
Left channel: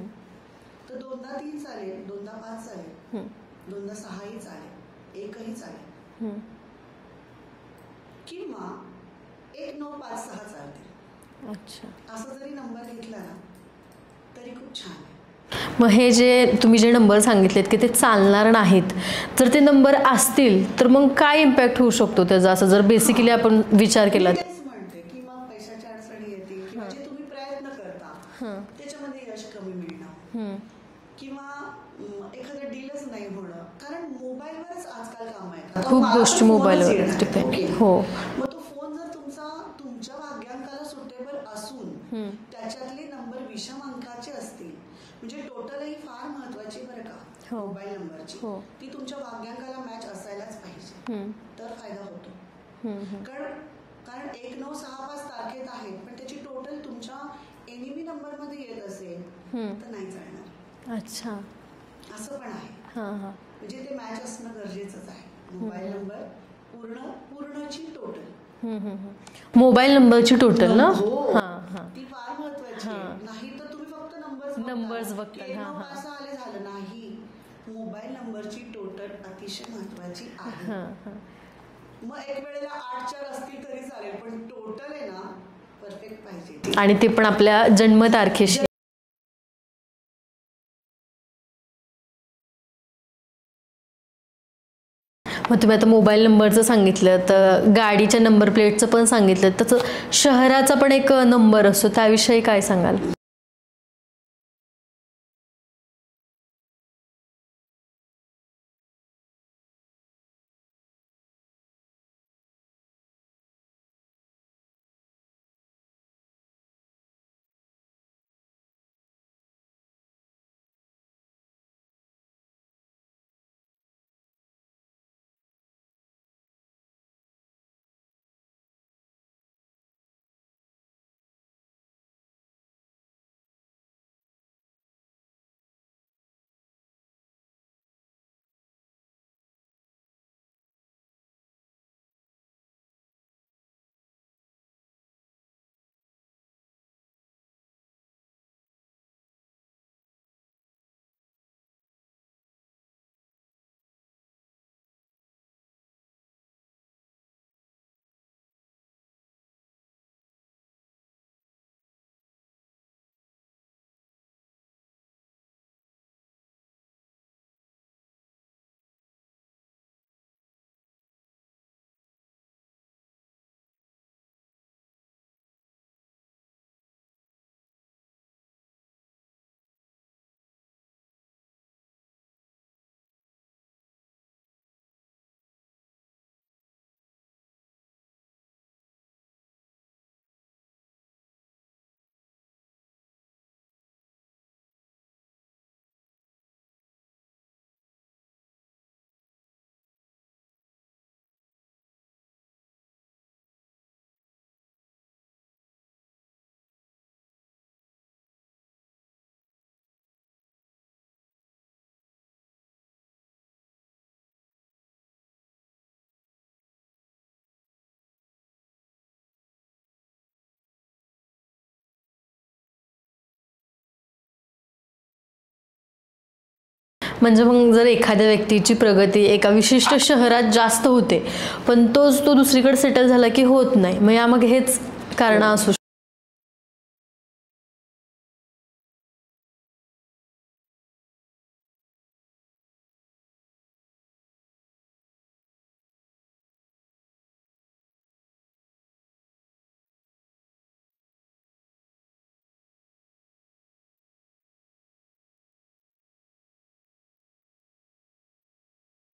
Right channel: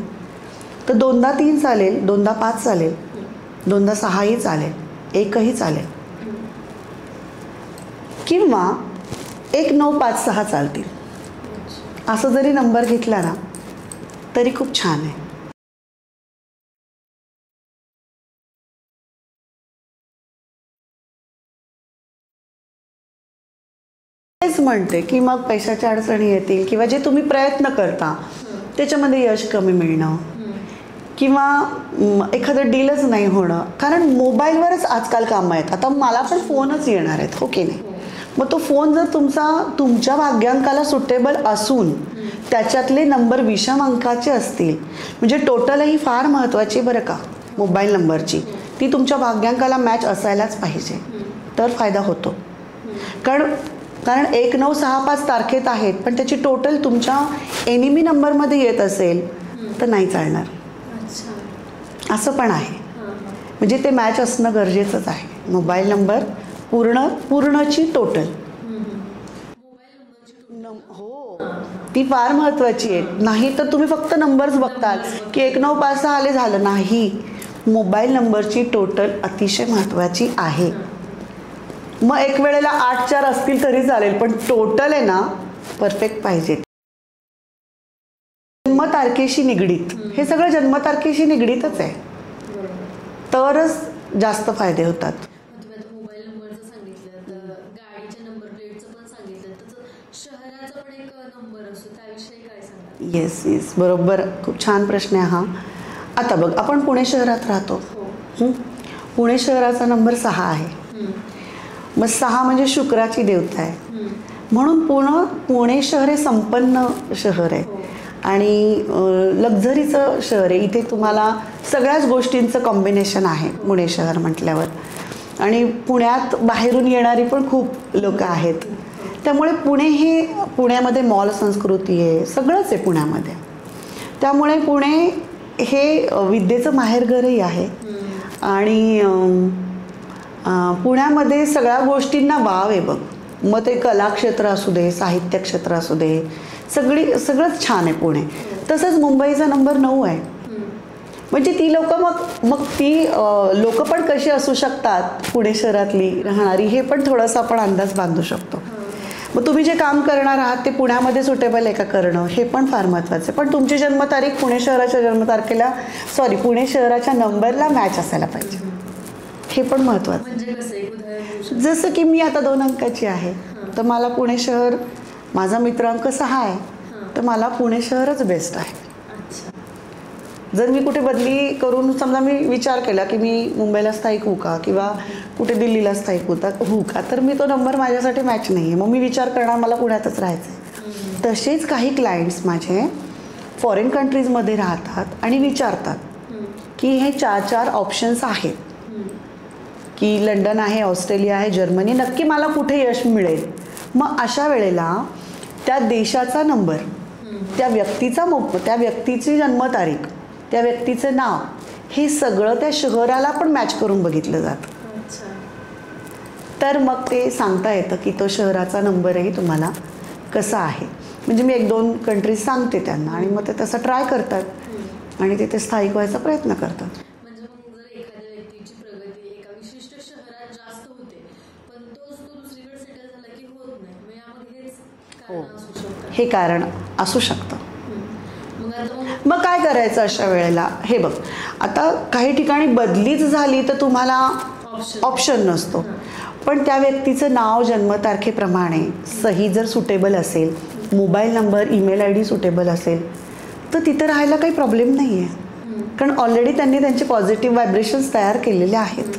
तर 2दा 3 चालेल, 2दा 5 चालेल, 2दा 6ही चालेल, 1ही चालेल, किंवा 1, 9, 5, 6 चालतील. असं जरी नंबर घेतला ना तरी खूप छान आहे. मग हे जे तुम्ही जे नंबर सांगितलेत की ते चालणार नाहीत, जर ते नंबर असतील तर मग काय इम्पॅक्ट होऊ शकतो त्याचा, असं जर बेसिकली आपण विचार केला? तेच म्हणते की मग पैशाच्या अडचणी येतील, किंवा जे तुम्ही प्रयत्न करता त्याच्यामध्ये यश कमी मिळणं, किंवा एखादं डीलच नाही होणं. कारण मोबाईलवरच आजकाल कामं आहेत. आता मला पण फोनच येणार आहेत, ओके. मग तो फोन जर तुमच्या भाग्यांकाला सुटेबल असून त्याच्यातले नंबर विषम अंकाचे असतील, म्हणजे टोटलही फार महत्त्वाची बरं का मोबाईल नंबरची, ती तुमच्या भाग्यांकाला मॅच असायलाच पाहिजे, तर फायदा होतो. कारण 1, 9, 6, 5 तारखेत आहेत, पण त्याची टोटल तुमच्या एनिमी नंबरमध्ये येत असेल तर नाही चालणार. असं पण आहे. म्हणजे ते मॅच असणं गरजेचंच आहे. मोबाईल नंबर पूर्णची टोटल, मोबाईल नंबरची टोटल ना, ती फार महत्त्वाची आहे. नाही तर तुम्ही फक्त नंबर्स बघतात की 1, 9, 5, 6 आले झालं नाही. मोबाईल नंबरची टोटल अतिशय महत्त्वाची आहे. मग एक वेळेला 8-4 असतील तरी चालेल, पण टोटल आहे ना परफेक्ट पाहिजे ती. आणि ते पण आपल्या जन्मतारखेशी निगडीत. हे सगळं जन्मतारखेशी निगडीतच आहे, तरच जास्त फायदे होतात. मग तुम्ही आता मोबाईल नंबरचं सांगितलं, तर गाडीच्या नंबर प्लेटचं पण सांगितलं, तसं शहराचा पण एक नंबर असतो, त्याविषयी काय सांगाल? येस बरोबर, खूप छान प्रश्न आहे हा. आता बघ, आपण पुणे शहरात राहतो. पुणे शहराचा नंबर 6 आहे. मग 6 म्हणजे शुक्राची देवता आहे, म्हणून पुणे शहर हे संपन्न शहर आहे आणि लक्झरीचं शहर आहे. इथे तुम्हाला सगळ्याच गोष्टींचं कॉम्बिनेशन आहे पुणे शहर म्हटल्यावर. आणि पुण्यात बाहेरून येणारी पण खूप लोक आहेत, त्यामुळे पुण्यामध्ये मॉल संस्कृती आहे, सगळंच आहे पुण्यामध्ये. त्यामुळे पुणे हे विद्येचं माहेरघरही आहे. आणि पुण्यामध्ये सगळ्या गोष्टींना वाव आहे बघ. मग ते कला क्षेत्र असू दे, साहित्य क्षेत्र असू दे, सगळंच छान आहे पुणे. तसंच मुंबईचा नंबर 9 आहे. म्हणजे ती लोक मग ती लोक पण कशी असू शकतात पुणे शहरातली राहणारी, हे पण थोडंसं आपण अंदाज बांधू शकतो. मग तुम्ही जे काम करणार आहात ते पुण्यामध्ये सुटेबल आहे का करणं, हे पण फार महत्त्वाचं आहे. पण तुमची जन्मतारीख पुणे शहराच्या नंबरला मॅच असायला पाहिजे, हे पण महत्त्वाचं. जसं की मी आता 2 अंकाची आहे, तर मला पुणे शहर, माझा मित्रांक 6 आहे, तर मला पुणे शहरच बेस्ट आहे. जर मी कुठे बदली करून समजा मी विचार केला की मी मुंबईला स्थायिक होऊ का किंवा कुठे दिल्लीला स्थायिक होऊ का, तर मी तो नंबर माझ्यासाठी मॅच नाही आहे, मग मी विचार करणार मला पुण्यातच राहायचं आहे. तसेच काही क्लायंट्स माझे फॉरेन कंट्रीजमध्ये राहतात आणि विचारतात की हे 4 ऑप्शन्स आहेत की लंडन आहे, ऑस्ट्रेलिया आहे, जर्मनी, नक्की मला कुठे यश मिळेल. मग अशा वेळेला त्या देशाचा नंबर, त्या व्यक्तीची जन्मतारीख, त्या व्यक्तीचं नाव, हे सगळं त्या शहराला पण मॅच करून बघितलं जातं. तर मग ते सांगता येतं की तो शहराचा नंबरही तुम्हाला कसा आहे. म्हणजे मी 1-2 कंट्रीज सांगते त्यांना आणि मग ते तसं ट्राय करतात आणि तिथे स्थायिक व्हायचा प्रयत्न करतात. म्हणजे मग जर एखाद्या व्यक्तीची प्रगती एका विशिष्ट शहरात जास्त होते, पण तो दुसरीकडे सेटल झाला की होत नाही, मग यामागे हेच कारण असू शकतं. हे कारण असू शकतं. मग काय करायचं अशा वेळेला? हे बघ, आता काही ठिकाणी बदलीच झाली तर तुम्हाला ऑप्शन नसतो, पण त्या व्यक्तीचं नाव जन्मतारखेप्रमाणे सही जर सुटेबल असेल, mobile number, email ID suitable असेल, तर तिथं राहायला काही प्रॉब्लेम नाही आहे. कारण ऑलरेडी त्यांनी त्यांचे पॉझिटिव्ह व्हायब्रेशन्स तयार केलेले आहेत.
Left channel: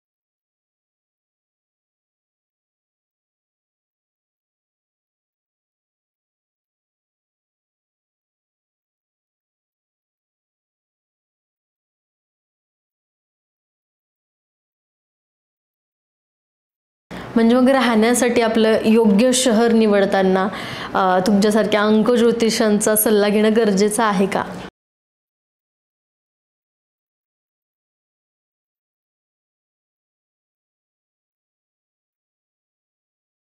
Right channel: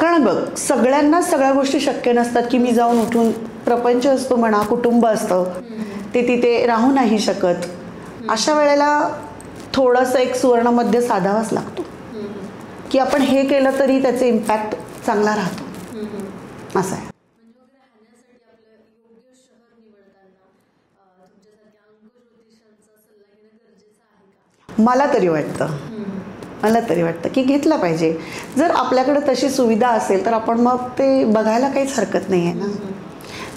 कारण बघ, सगळ्यांना सगळ्या गोष्टी शक्य नसतात की मी जाऊन उठून, प्रपंच असतो म्हणा, कुटुंब असतं, ते तिथे राहू नाही शकत. अशा वेळेला थोडंसं एक सुवर्णमध्य साधावाच लागतो की आपण हे केलं तरी त्याचे इम्पॅक्ट चांगला राहतो, असं आहे. म्हणजे मग राहण्यासाठी आपलं योग्य शहर निवडताना तुमच्यासारख्या अंक ज्योतिषांचा सल्ला घेणं गरजेचं आहे का? मला तरी वाटतं की घेतला पाहिजे. जर आपल्याकडे तशी सुविधा असेल तर आपण मग ते बघायला काहीच हरकत नाही आहे ना.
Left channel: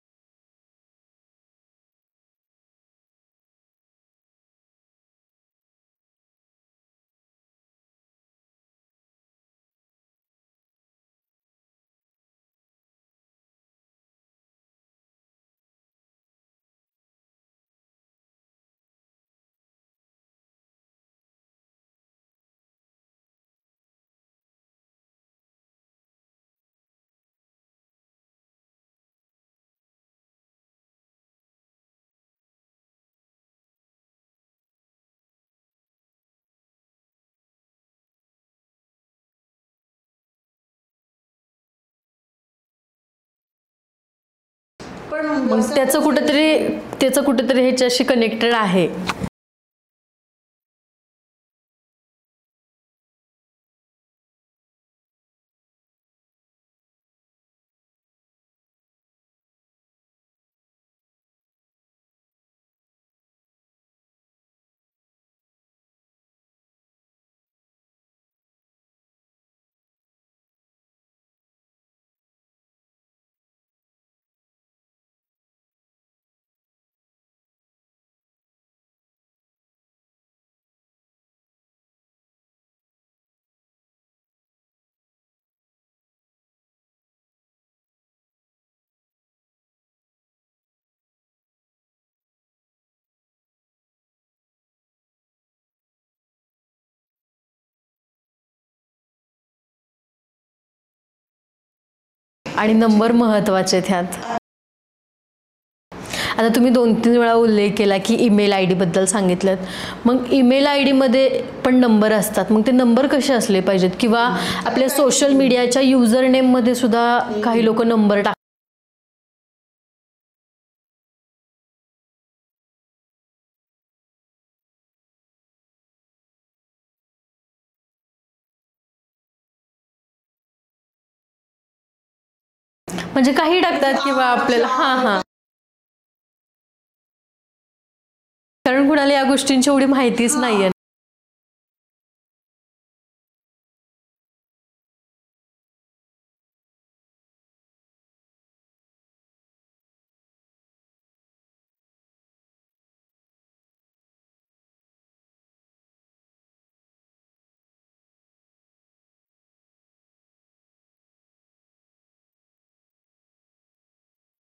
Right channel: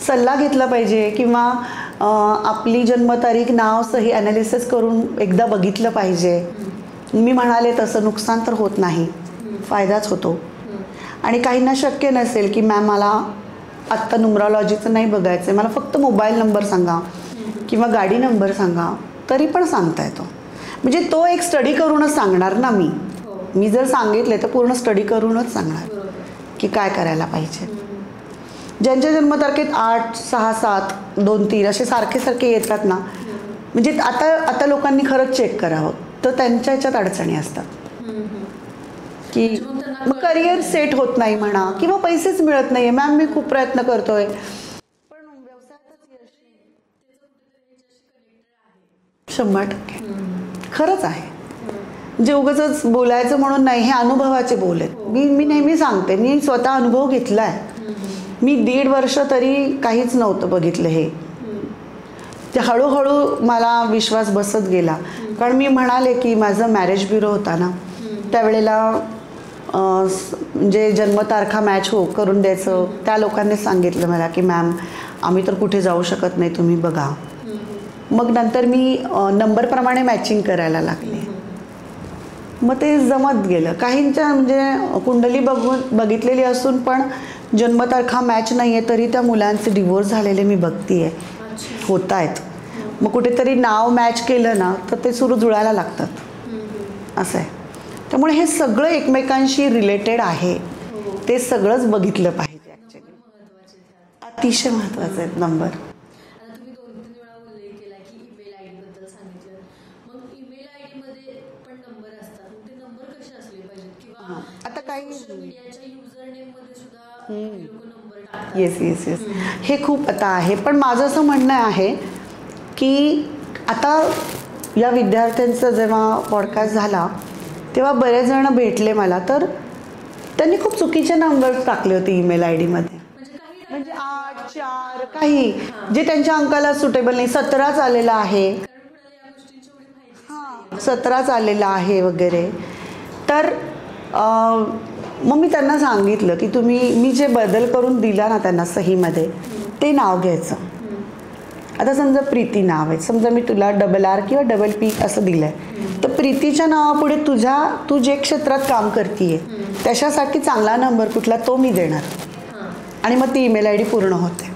सल्ला घेतला पाहिजे किंवा आपली जन्मतारीख, नाव, सही ॲनालिसिस करून एकदा बघितलं पाहिजे. मी म्हणाले तसं नुकसान तर होत नाही, फायदाच होतो. आणि काहींना शक्य नसेल की मॅम मला आत्ता न्यूमरॉलॉजीचं नाही बघायचं आहे, मला फक्त मोबाईल नंबर सांगा किंवा गाडी नंबर सांगा, तरी पण सांगता येतो. म्हणजे तो एक स्टडी करूनच सांगणार ना. मी जर सांगितले तर पूर्ण स्टडी करूनच सांगणार की काय करायला पाहिजे. ज्यांच्या जन्मतारखेत 8, 6, 7, 2, 3 असे सारखे येतात ना, म्हणजे आता लोकांनी खरंच चेक करावं, तर त्यांच्या ह्याच्यात अडचणी असतात की मग करिअर सेट होत नाही म्हणा किंवा पैसेच मिळत नाही. मॅम मी खूप प्रयत्न करतोय, पण त्याचं कुठेतरी ह्याच्याशी कनेक्टेड आहे. 100% खरंच आहे. म्हणजे उगाचच बोलायचं म्हणून नाही, हे अनुभवाचे बोल आहेत. मी नेहमी सांगते, मी स्वतः अनुभव घेतला आहे. मी 1.5 वर्ष तरी काहीच नव्हतं बघितलं हे. ते हळूहळू मला विश्वास बसत गेला. कारण मी म्हणाले की माझं मॅरेज ब्युरो होता ना, त्यावेळेला म्हणजे जन्मतारखा मॅच करून द्यायचं. त्या लोकांनी सांगितलं मला की मॅम आम्ही तर कुठे जाऊ शकत नाही, तुम्ही बघा. मग नंतर मी नंबरप्रमाणे मॅचिंग करायला लागले. मग ते जमत गेलं. काहींच्या म्हणजे कुंडली बघितलेली असून पण जन्मतारखा मॅच नाही आहे तरी त्या मुलांचे डिवोर्स झालेले मी बघते आहे, होत आहेत. मग कुठेतरी नाव मॅच केलं ना तर ते सुरू जुळायला लागतात, असं आहे. त्यामुळे हे सगळं एकमेकांशी रिलेटेड आहे, ते सगळंच बघितलं पाहिजे. आणि नंबर महत्त्वाचे आहेत ह्यात, अतिशय महत्त्वाचे आहेत नंबर. आता तुम्ही 2-3 वेळा उल्लेख केला की ईमेल आय डीबद्दल सांगितलं. मग ईमेल आय डीमध्ये पण नंबर असतात, मग ते नंबर कसे असले पाहिजेत? किंवा आपल्या सोशल मीडियाच्या युजर नेममध्ये सुद्धा काही लोक नंबर टाकतात. येस येस येस, हे खूप आता आहे. पण माझं असं म्हणणं आहे की आता या विद्यार्थ्यांचा जेव्हा पॉडकास्ट झाला तेव्हा बरेच जण भेटले मला, तर त्यांनी खूप चुकीचे नंबर टाकले होते ईमेल आय डीमध्ये. म्हणजे काही टाकतात किंवा आपल्याला काही जे त्यांच्या अंकाला सुटेबल नाही. 17 आलेला आहे, कारण कुणाला या गोष्टींची एवढी माहितीच नाहीये. 17 आलेला आहे वगैरे. तर मग मी त्यांना सांगितलं की तुम्ही मी जे बदल करून दिला ना त्यांना सहीमध्ये ते नाव घ्यायचं. आता समजा प्रीती नाव आहे, समजा मी तुला RR किंवा PP असं दिलं आहे, तर प्रीतीच्या नावापुढे तू जे क्षेत्रात काम करतीये त्याच्यासाठी चांगला नंबर कुठला तो मी देणार, आणि मग ती ईमेल आय डी पूर्ण होते.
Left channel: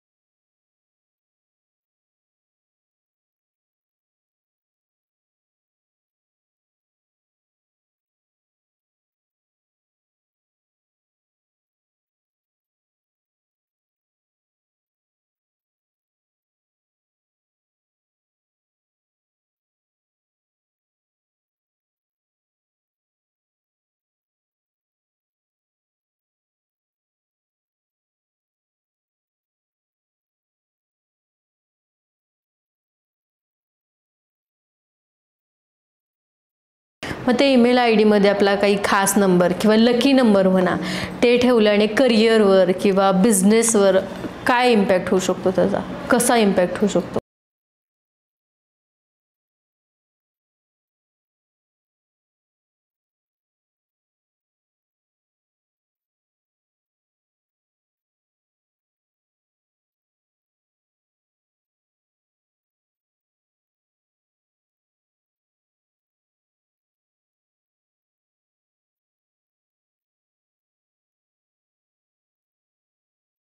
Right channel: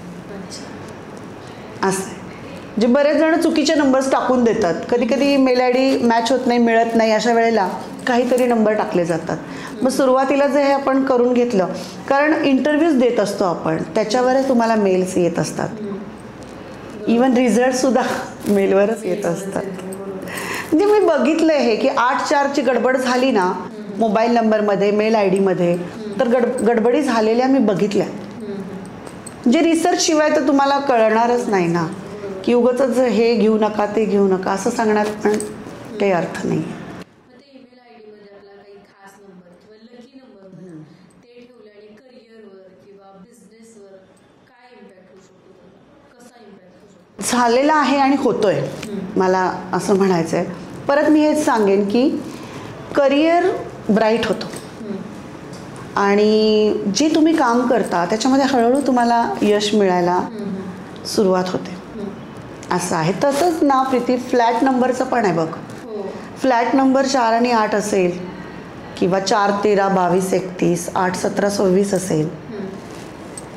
असं आहे. जे बरेच जण चुकीचे नंबर्स टाकून देतात. कधी कधी ईमेल आय डी मॅच होत नाही, मिळत नाही, अशा वेळेला काहीतरी नंबर टाकले जातात. मग सुरुवातीला जे हे आपण करून घेतलं, कारण इंटरव्ह्यूज देत असतो आपण, त्याच्यावरच तुम्हाला मेल्स येत असतात. इवन रिझल्टसुद्धा मेलवरच येत असतात. म्हणजे मी बघितलं आहे की 8-4ची गडबड झाली ना मोबाईल नंबरमध्ये, मेल आय डीमध्ये, तर गडबडी झालेल्या मी बघितल्या. जे रिसर्च शिवाय तर तुम्हाला कळणारच नाही ना, की उगाचच हे घेऊ नका ते घेऊ नका असं सांगण्यात पण काही अर्थ नाही. मग ते ईमेल आय डीमध्ये आपला काही खास नंबर किंवा लकी नंबर म्हणा ते ठेवल्याने करिअरवर किंवा बिझनेसवर काय इम्पॅक्ट होऊ शकतो? त्याचा कसा इम्पॅक्ट होऊ शकतो? झालेला आहे आणि होतोय, मला असं म्हणायचं आहे. परत मी हेच सांगेन की करिअर ब्राईट होतो आणि जे तुम्ही काम करता त्याच्यामध्ये हळूहळू तुम्हाला यश मिळायला सुरुवात होते, असं आहे. तसंच ना प्रीती, फ्लॅट नंबरचं पण आहे बघ. फ्लॅट नंबर 4 आणि 8 असेल किंवा 4, 13, 22, 31, 8, 17, 26 असेल,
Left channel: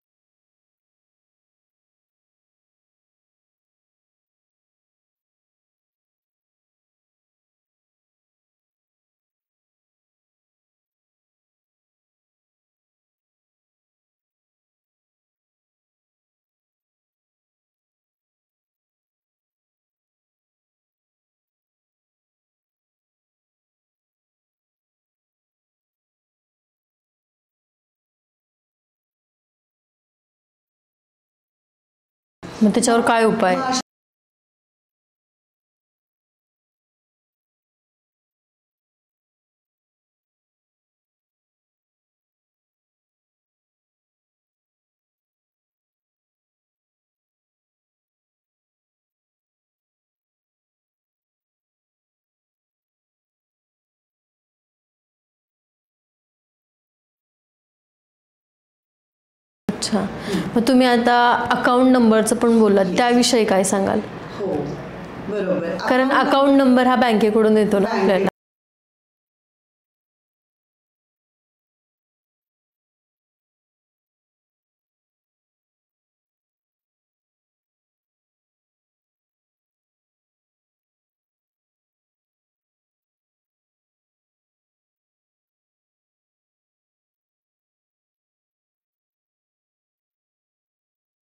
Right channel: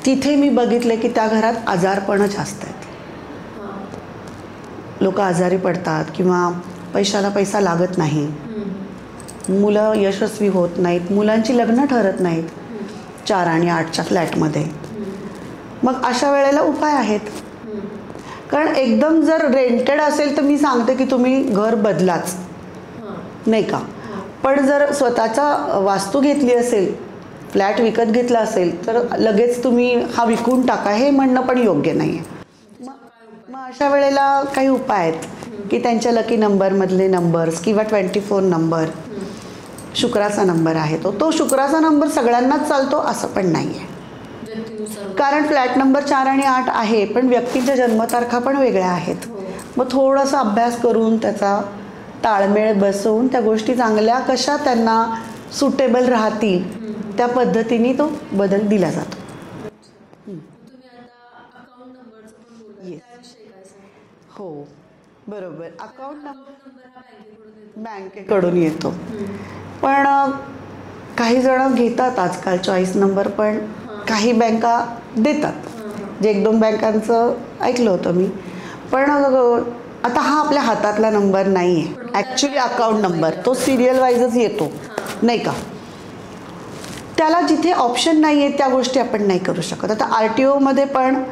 तिथे मी बघितले की त्या घरात आजारपणं जास्त आहेत. लोक आजारी पडतात किंवा पैशाला पैसा लागत नाही, मुलं यशस्वी होत नाहीत, मुलांची लग्न ठरत नाहीत 4 आणि 8च्या फ्लॅटमध्ये. मग अशा वेळेला उपाय आहेत. कारण एकदम जर रेंटेड असेल तर मी सांगते की तुम्ही घर बदलाच, नाही का. पण जर स्वतःचा वास्तू घेतली असेल, फ्लॅट विकत घेतला असेल, तर लगेच तुम्ही हा विकून टाका हे म्हणणं पण योग्य नाही आहे. मग त्याच्यावर काय उपाय? अशा वेळेला काही उपाय आहेत की त्यांच्या लकी नंबरमधले नंबर्स किंवा 24 नंबर, शुक्राचा नंबर आहे तो शुक्राचा नंबर सगळ्यांनाच चालतो असं पण नाही आहे. कारण फ्लॅट नंबर 4 आणि 8 आहे, पण व्यक्तीच्या जन्मतारखा पण वेगळ्या आहेत. मग थोडासा अभ्यास करून त्याचा ताळमेळ बसवून त्या गोष्टी चांगल्या कशा त्यांना सुटेबल राहतील त्या पद्धतीने तो बदल दिला जातो. अच्छा, मग तुम्ही आता अकाउंट नंबरचं पण बोललात, त्याविषयी काय सांगाल? हो बरोबर, कारण अकाउंट नंबर हा बँकेकडून येतो ना आपल्याला. कडून येतो, पण काही जण घेतात आजकाल चॉईस नंबर, पण काही बँका देतात. जे 1-2 बँकांचं ऐकलं होतं मी. पण आता हा आपल्या हातातला नंबर नाही आहे ॲक्च्युली. अकाउंट नंबर तो सिरियल वाईजच येतो, नाही का. त्याला जिथे ऑप्शन नाही आहे त्या गोष्टी आपण नाही करू शकत. आता RTOमध्ये पण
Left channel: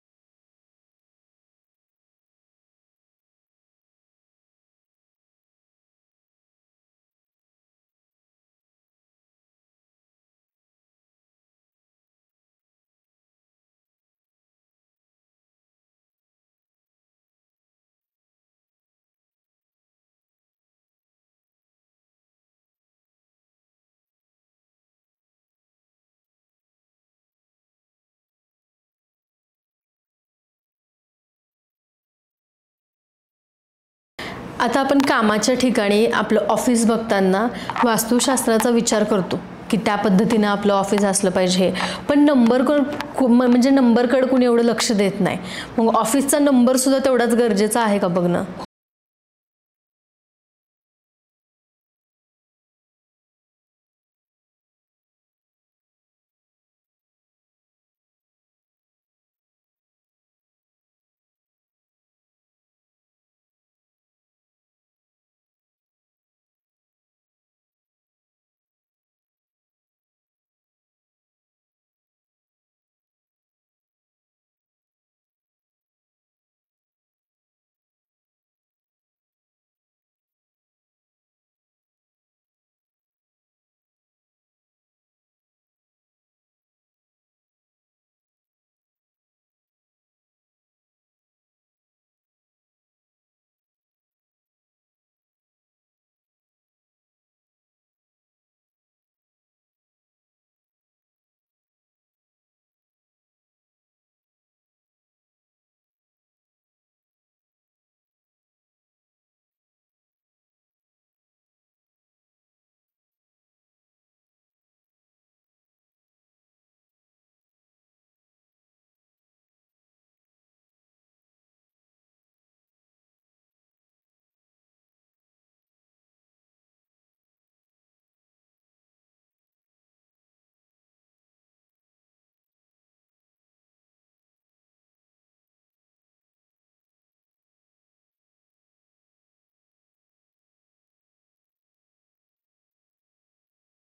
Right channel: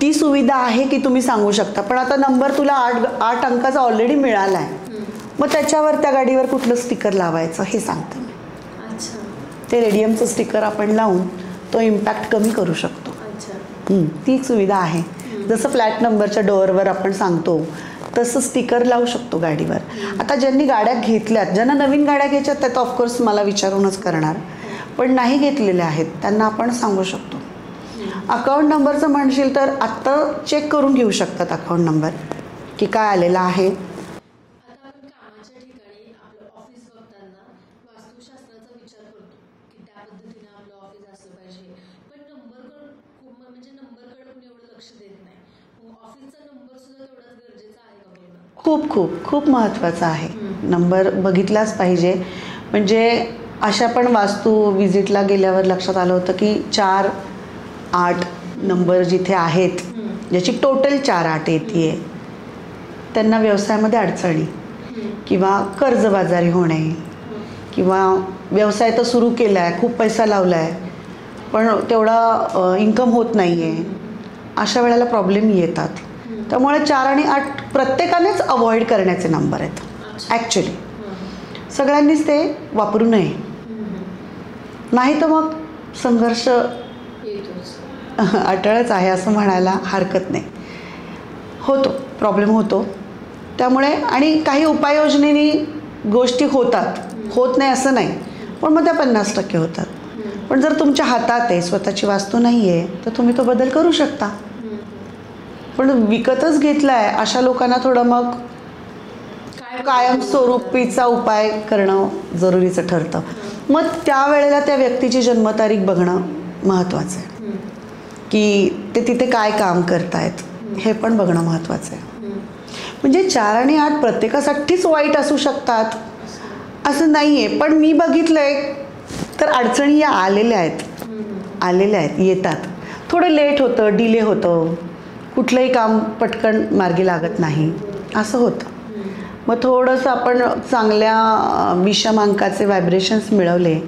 ती सुविधा आहे की तुम्ही सांगू शकता, पण आता नंबर तुला 8 अंकाचा ऑलरेडी मिळाला आहे, मग त्याच्यावर त्या गाडीवर कुठलं स्टिकर लावायचं हे सांगते मी. ते रेडियमचं स्टिकर आपण लावून तो इम्पॅक्ट कमी करू शकतो. ती एक सुविधा आहे. जसं फ्लॅट नंबरच्या डोअरवर आपण सांगतो तसं स्टिकर लावू शकतो गाडीवर. आता ज्यांनी गाड्या घेतल्यात, ज्यांना नवीन गाड्या घ्यायच्यात त्या तर ऑफकोर्स मला विचारूनच करणार, पण नाही घेतलेल्या आहेत त्यांना आपण सांगू शकतो. अकाउंट नंबरचं म्हणशील तर आत्ता चेक करून घेऊ शकतात अकाउंट नंबर की काय आलेला आहे. आता आपण कामाच्या ठिकाणी आपलं ऑफिस बघताना वास्तुशास्त्राचा विचार करतो, की त्या पद्धतीनं आपलं ऑफिस असलं पाहिजे, पण म्हणजे नंबरकडे कुणी एवढं लक्ष देत नाही. मग ऑफिसचा नंबरसुद्धा तेवढाच गरजेचा आहे का बघणं? खूप खूप खूप महत्त्वाचा आहे. नंबर बघितलाच पाहिजे. म्हणजे अशा पण वास्तू विजिटला गेल्यावर लक्षात आलं होतं की 4-8 नंबर जिथे आहेत, ज्याची टोटल 4-8 येते, त्यांना व्यवसायामध्ये अडचणी किंवा कर्जबाजारी होणे किंवा व्यवसाय तर सुरू केला आहे, खूप पैसा लावला आहे, पण तेवढा इन्कम होत नाही आहे, अशा वेळेला प्रॉब्लेम येतात. त्यामुळे 4 आणि 8 प्रत्येकानेच अवॉइड करण्याचे नंबर आहेत. ॲक्च्युली सगळ्यांनीच ते वापरू नये, नाही तर मग संघर्ष अटळच आहे असं म्हणायला हरकत नाही. होतो, प्रॉब्लेम होतो. त्यामुळे आणि काही उपाययोजनेने गोष्टी होतात, होत नाही असं नाही, पण मग त्या 50% होतात. पण जर तुमच्या हातात आहे, स्वतःची वास्तू नाही आहे, तर तुम्ही तो बदल करू शकता. पण विकतच घेतला आहे अशा लोकांना थोडं मग कायमस्वरूपीचा उपाय करणं जरुरीचं ठरतं. मग त्यावेळेला त्या व्यक्तीची जन्मतारीख बघणं महत्त्वाचं आहे, की ते तिथे काय काम करतायत हे पण बघणं महत्त्वाचं आहे. म्हणजे 4 आणि 8 प्रत्येकासाठीच वाईट असू शकतात असं नाही आहे. पण मी बघितलं आहे तर अडचणी या आलेल्या आहेत, येतात. थोडं लेट होतं, डिले होतं, कुठलंही काम पटकन मार्गी लागत नाही, असं होतं. मग थोडंसं आपण चांगल्या विषम अंकाचे व्हायब्रेशन्स मिळवले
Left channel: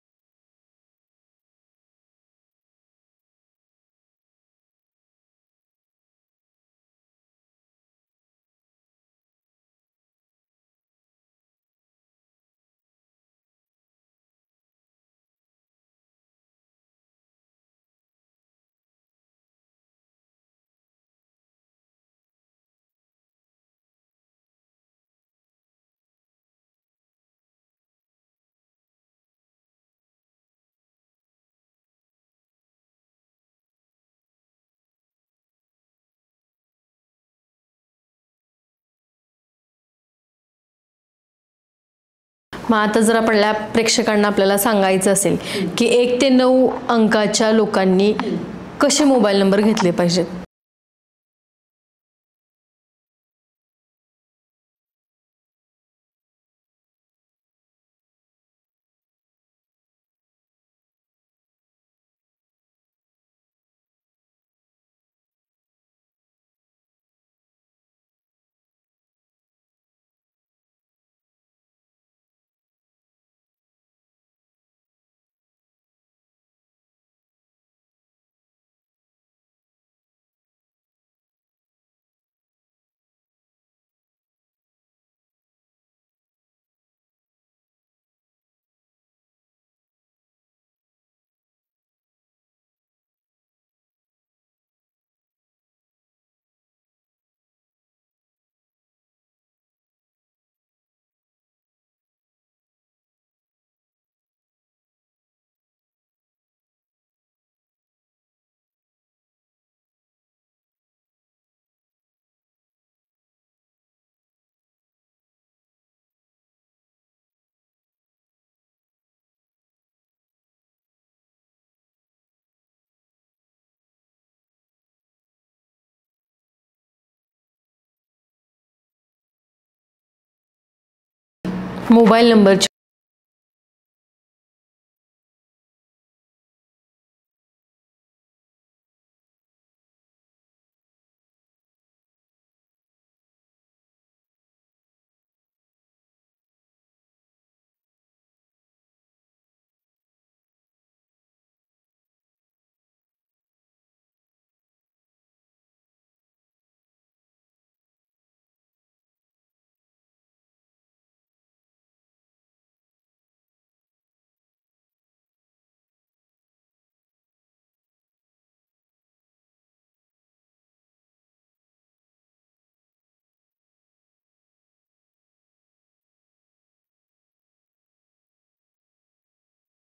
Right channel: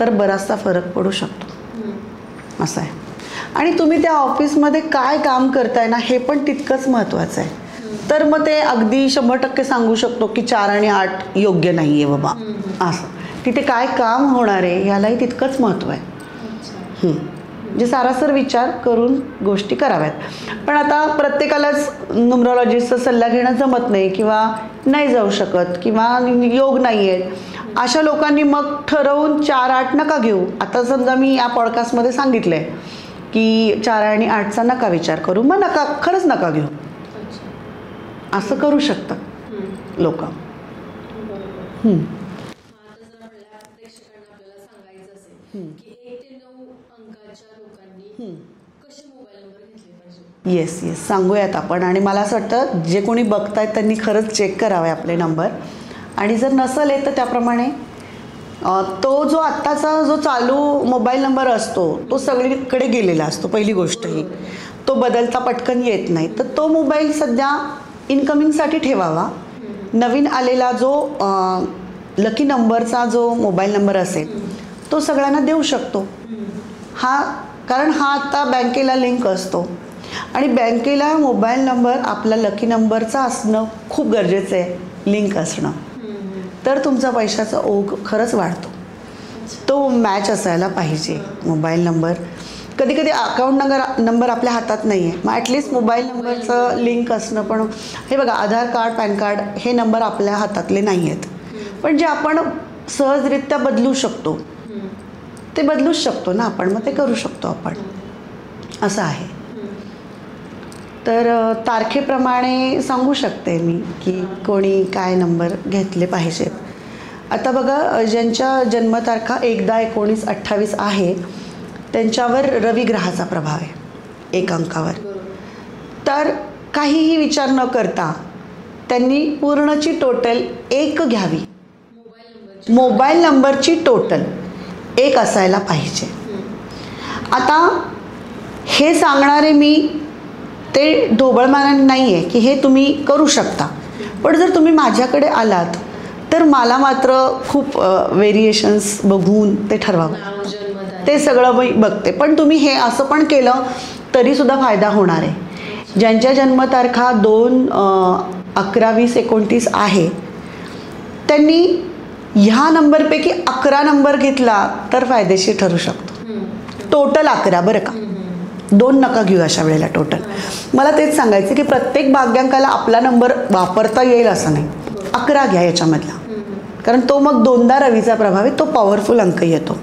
तर बराचसा फरक पडू शकतो, असं आहे. आणि तुम्ही त्या ऑफिसमध्ये काय काम करताय ना हे पण तितकंच महत्त्वाचं आहे. तर मग ते अगदी 100% सांगू शकतो की 4 आणि 8 योग्य नाही आहे बाबा, असं. तिथे काय काम होणार आहे ह्यालाही तितकंच महत्त्व आहे. म्हणजे सारासर विचार करून गोष्टी कराव्यात. पण आता प्रत्येकालाच न्यूमरॉलॉजिस्टचा सल्ला घेणं जमत नाही किंवा नाही जाऊ शकत किंवा योग नाही आहेत, अशा लोकांनी मग ठरवून 4-8 नका घेऊ. आता समजा मी या पॉडकास्टमध्ये सांगितलं आहे की 4 आणि 8चा नका विचार करू, मग खरंच नका घेऊ, असं करू शकतात लोक. मग आता जर आपल्या प्रेक्षकांना आपल्याला सांगायचं असेल की 1 ते 9 अंकाच्या लोकांनी कसे मोबाईल नंबर घेतले पाहिजेत? येस सांगूयात आपण. आणि मला असं वाटतं जे कोणी बघतायत त्यांनी खरंच चेक करावे आपले नंबर. आणि जर नसेल तर त्याप्रमाणे तो जो आत्ताचा जो चालू मोबाईल नंबर असतो तो सगळीकडे गेलेला असतो. पहिली गोष्ट ही तो बदलता पटकन येत नाही, तर तो मोबाईल सध्या इनकमिंगसाठी ठेवावा. नवीन आलेला जो लकी नंबरचा जो मोबाईल नंबर असेल तो सगळ्यांना देऊ शकतो कारण हा आता बँकेला लिंक असतो आणि बँकेला मोबाईल नंबर आपला लकी नंबरचा असणं खूप गरजेचं आहे, लिंक असणं. तर तुमचा पैशाचा ओघ खरंच वाढतो. तो मॅच असायला पाहिजे मोबाईल नंबर. कधी कधी अकाउंट नंबर आपल्या हातात नाही आहे, मग ॲटलिस्ट मोबाईल नंबरचं लिंक असणं. पण हे बघा, आधार कार्ड, पॅन कार्ड हे नंबर आपल्या हातातले नाही आहेत, पण जे आपण सहजरित्या बदलू शकतो ते बदलूच शकतो ना आपण, मग ते करू शकतो आपण, असं आहे. तर तारखेप्रमाणे सांगू शकते मी की कोणी काय नंबर घेतले पाहिजेत. आता बघा, ज्यांच्या जन्मतारखा 1-10-19-28 आहे त्यांच्यावर रवी ग्रहाचा प्रभाव आहे 1 अंकावर. तर काहीही विचार न करता त्यांनी पूर्णची टोटल 1 घ्यावी. मोबाईल नंबरची टोटल 1 असायला पाहिजे. आता हे सांगणारे मी ते ढोबळमानाने नाही आहे की हे तुम्ही करू शकता, पण जर तुम्ही माझ्याकडे आलात तर मला मात्र खूप व्हेरिएशन्स बघून ते ठरवावं, ते सगळं मी बघते. पण तुम्ही हे असं पण केलं तरीसुद्धा फायदा होणार आहे. ज्यांच्या जन्मतारखा 2-11-20-29 आहे त्यांनी ह्या नंबरपैकी 11 नंबर घेतला तर फायदेशीर ठरू शकतो. टोटल 11 बरं का, 2 नका घेऊ अशा वेळेला टोटल. मला तेच सांगायचं की प्रत्येक भाग्यांकाला आपला नंबर वापरता येईल असं नाही. 11 घ्या याच्यामधला, कारण तो मग 2दा रवीचा प्रभाव आहे, तो पॉवरफुल अंक येतो.